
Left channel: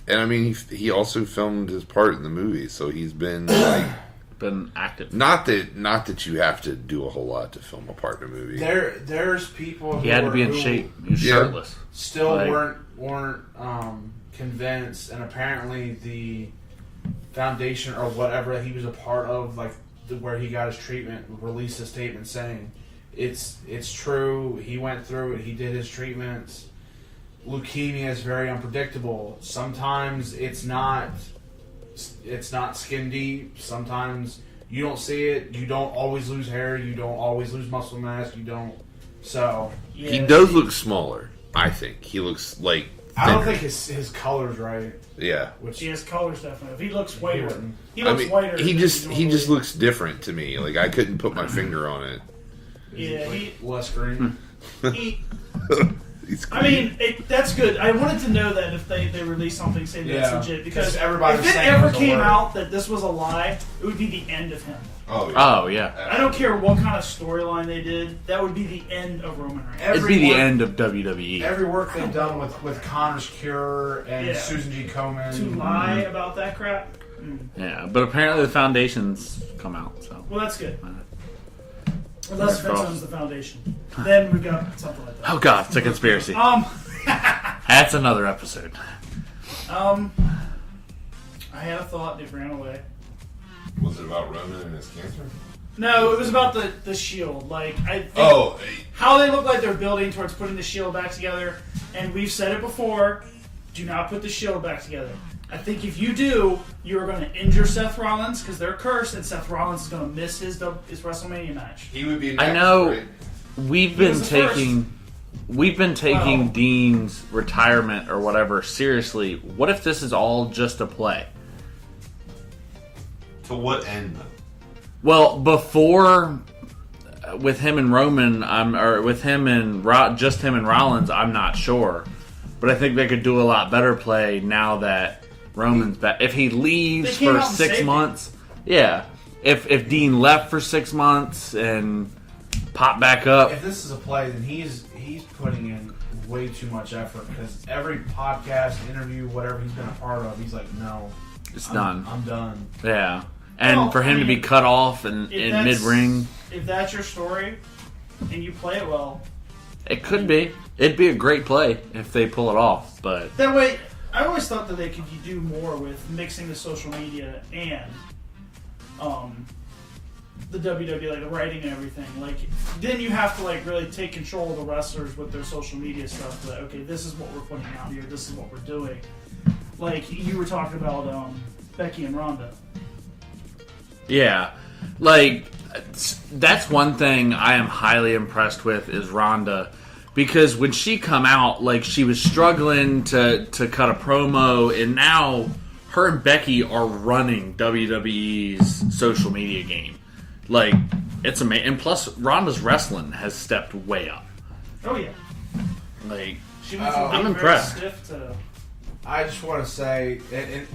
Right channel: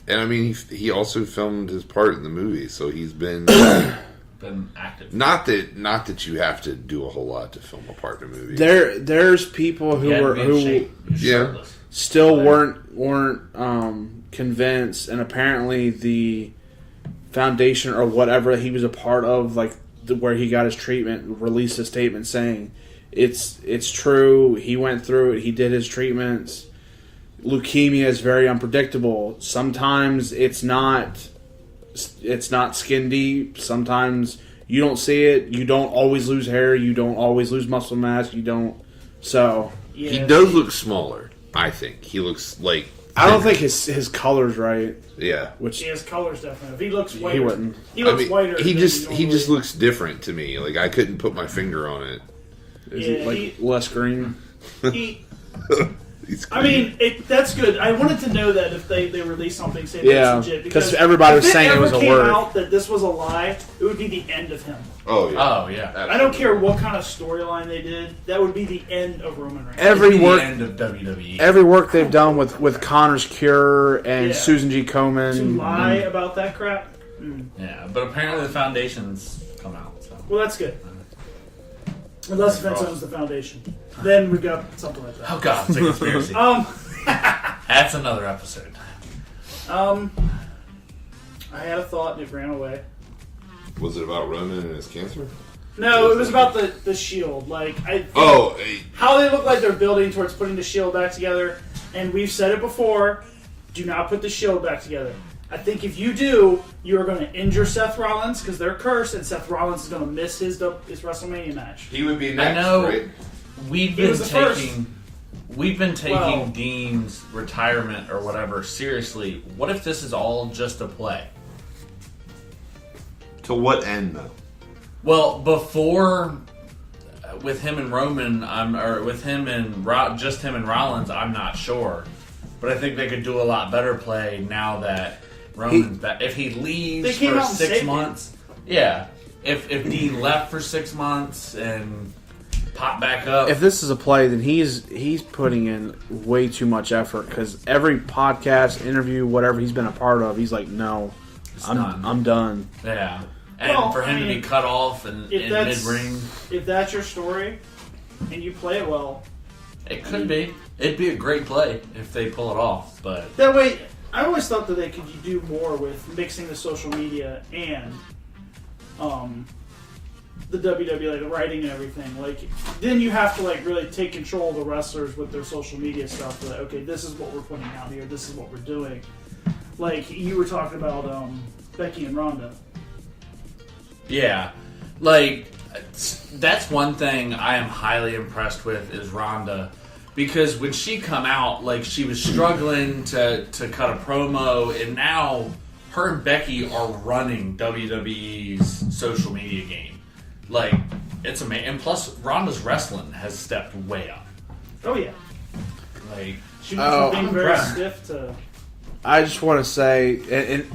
And I mean, he also filmed his part in the movie, so he's been like, Been active. not that you have to do a whole lot to film a part in a movie. There's people who He had to were be in who shape. He was Yeah. shirtless. still Right. weren't convinced, and apparently the foundation or whatever he was a part of, like where he got his treatment, released a statement saying it's true. He went through it. He did his treatments. Leukemia is very unpredictable. Sometimes it's not skin deep. Sometimes you don't see it. You don't always lose hair. You don't always lose muscle mass. You don't. So Yeah. He does look smaller. I think he looks like. I don't thinner. think his color's right. Yeah. Which He has colors definitely. If he looks whiter, he wouldn't. He I looks mean, whiter. he than just normally. looks different to me. Like I couldn't put my finger on it. Is he Yeah, like less green? He I mean, that's good. I wanted to know that if they released something saying it's legit. Because everybody was saying it was a word. If it ever came out that this was a lie, it would be the end of him. Oh, yeah. Oh, yeah. I don't care what kind of storyline they did. That would be the end of Roman Reigns. The end of WWE. Every work they've done with Connor's Cure and Susan G. Komen. To lie about that crap? Yeah, but apparently the Foundation's come out. So. Well, that's good. Unless Vince owns the Foundation. Then we've got something like that. Oh, God. It's a conspiracy. That's another episode. I had a thought and it ran away. Was it about Roman and his cancer? No, it was about the Shield. Like, I think how they look like they're building towards putting the Shield back together. And we've said it before, do not put the Shield back together. I think if you do, you're going to injure Seth Rollins because they're cursed, and Seth Rollins is going to miss his WrestleMania match. He would be next, I know. right? We've been taking Dean's retirement or whatever seriously. What if this is all just a play? To what end, though? Well, before with him and Roman, just him and Rollins, I'm not sure, but I think they could do a lot better play now that Roman's back. If he leaves for 6 months, If Dean left for 6 months and pop back up, if this is a play, then he's putting in way too much effort because every podcast, interview, whatever he's been a part of, he's like, no, I'm done. Yeah. And for him to be cut off in mid-ring. If that's your story, and you play it well... It could be. It'd be a great play if they pull it off, but... That way, I always thought that they could do more with mixing the social media and the WWE, like the writing and everything. Like, then you have to like really take control of the wrestlers with their social media stuff. Like, okay, this is what we're putting out here. This is what we're doing. Like, you were talking about Becky and Ronda. Yeah, like that's one thing I am highly impressed with is Ronda, because when she come out, like she was struggling to cut a promo, and now her and Becky are running WWE's social media game. Like it's amazing, and plus Ronda's wrestling has stepped way up. Oh yeah, like she went from being very stiff to. I just want to say, and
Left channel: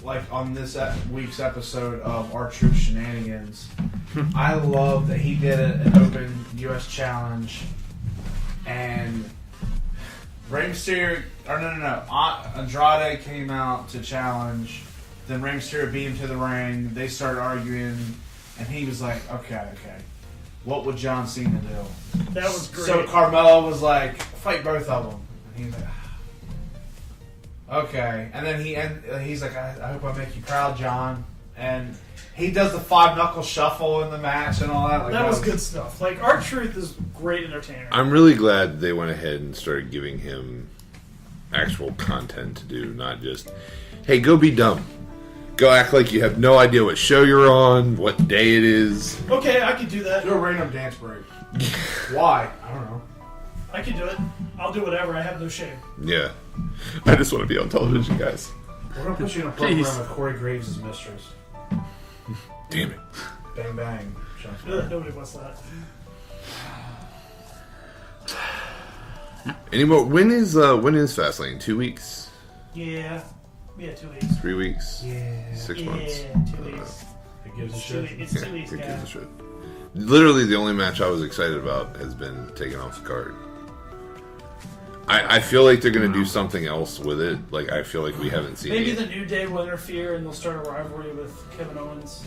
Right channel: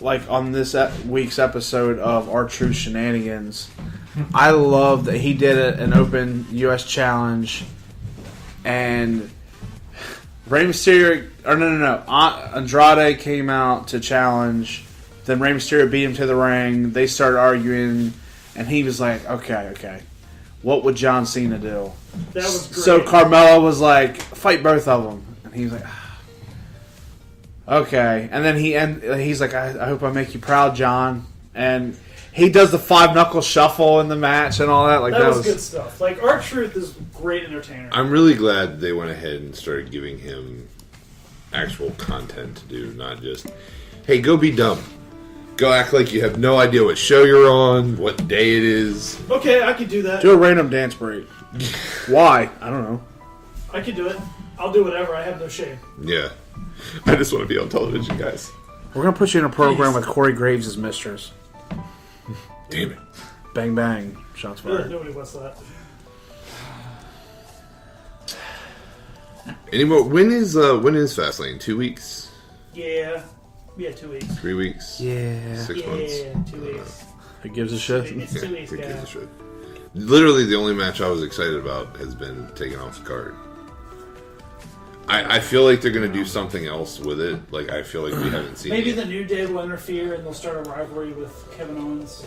like on this week's episode of Our Truth Shenanigans, I love that he did an open U.S. challenge, and Rey Mysterio, Andrade came out to challenge, then Rey Mysterio beat him to the ring, they started arguing, and he was like, okay, what would John Cena do? That was great. So Carmella was like, fight both of them, and he was like, okay, and then he's like, I hope I make you proud, John. And he does the 5-knuckle shuffle in the match and all that. Like that was good stuff. Like, R-Truth is great entertainer. I'm really glad they went ahead and started giving him actual content to do, not just, hey, go be dumb. Go act like you have no idea what show you're on, what day it is. Okay, I could do that. Do a random dance break. Why? I don't know. I could do it. I'll do whatever. I have no shame. Yeah. I just want to be on television, guys. We're going to put you in a program with Corey Graves as mistress. Damn it. Bang, bang. Shots fired. Nobody wants that. Any more? When is Fastlane? 2 weeks? Yeah. 2 weeks. 3 weeks? Yeah. 6 months? 2 weeks. Who gives a shit? It's 2 weeks, Who gives guys. a shit? Literally, the only match I was excited about has been taken off the card. I feel like they're going to do something else with it. Like, I feel like we haven't seen Maybe it. the New Day will interfere and they'll start a rivalry with Kevin Owens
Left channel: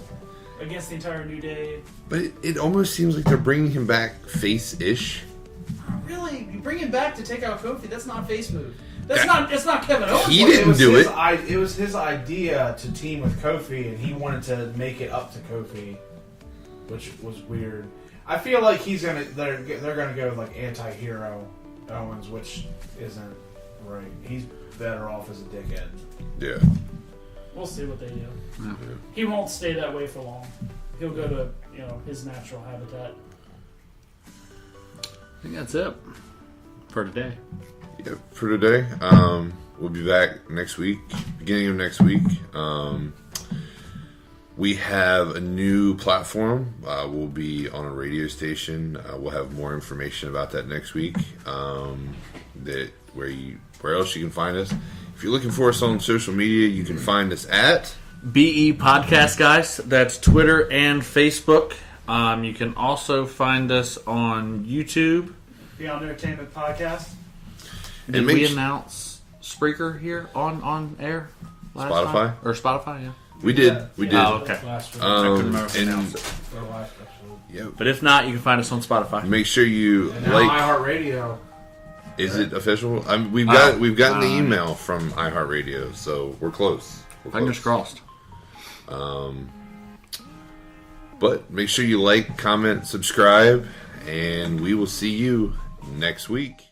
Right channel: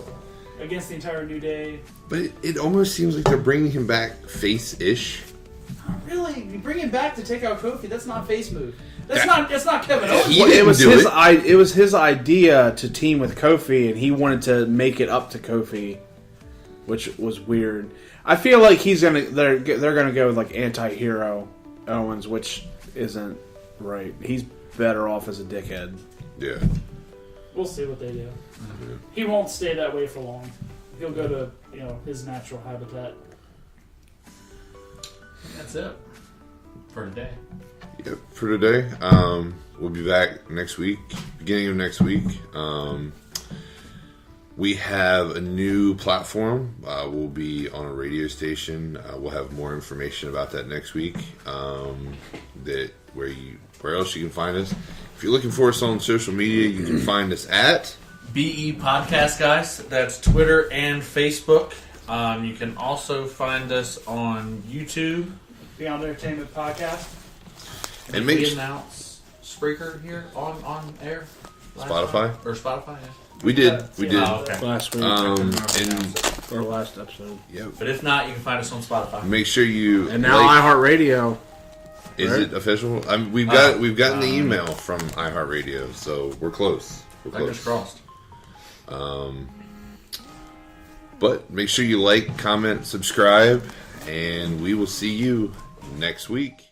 against the entire New Day. But it almost seems like they're bringing him back face-ish. Really? You bring him back to take out Kofi? That's not face move. That's not Kevin Owens. He didn't do it. It was his idea to team with Kofi, and he wanted to make it up to Kofi, which was weird. I feel like they're gonna go with like anti-hero Owens, which isn't right. He's better off as a dickhead. Yeah. We'll see what they do. Yeah. He won't stay that way for long. He'll go to his natural habitat. I think that's it for today. Yep, for today. We'll be back next week, beginning of next week. We have a new platform. We'll be on a radio station. We'll have more information about that next week. Where else you can find us? If you're looking for us on social media, you can find us at BE Podcast, guys. That's Twitter and Facebook. You can also find us on YouTube. Beyond Entertainment Podcast. Did we announce Spreaker here on air? Spotify? Or Spotify, yeah. We did. We did. Oh, okay. Last week. Or last episode. Yeah. But if not, you can find us on Spotify. Make sure you And now iHeartRadio. Is it official? We've gotten the email from iHeartRadio, so we're close. Fingers crossed. But make sure you like, comment, subscribe, and we will see you next week.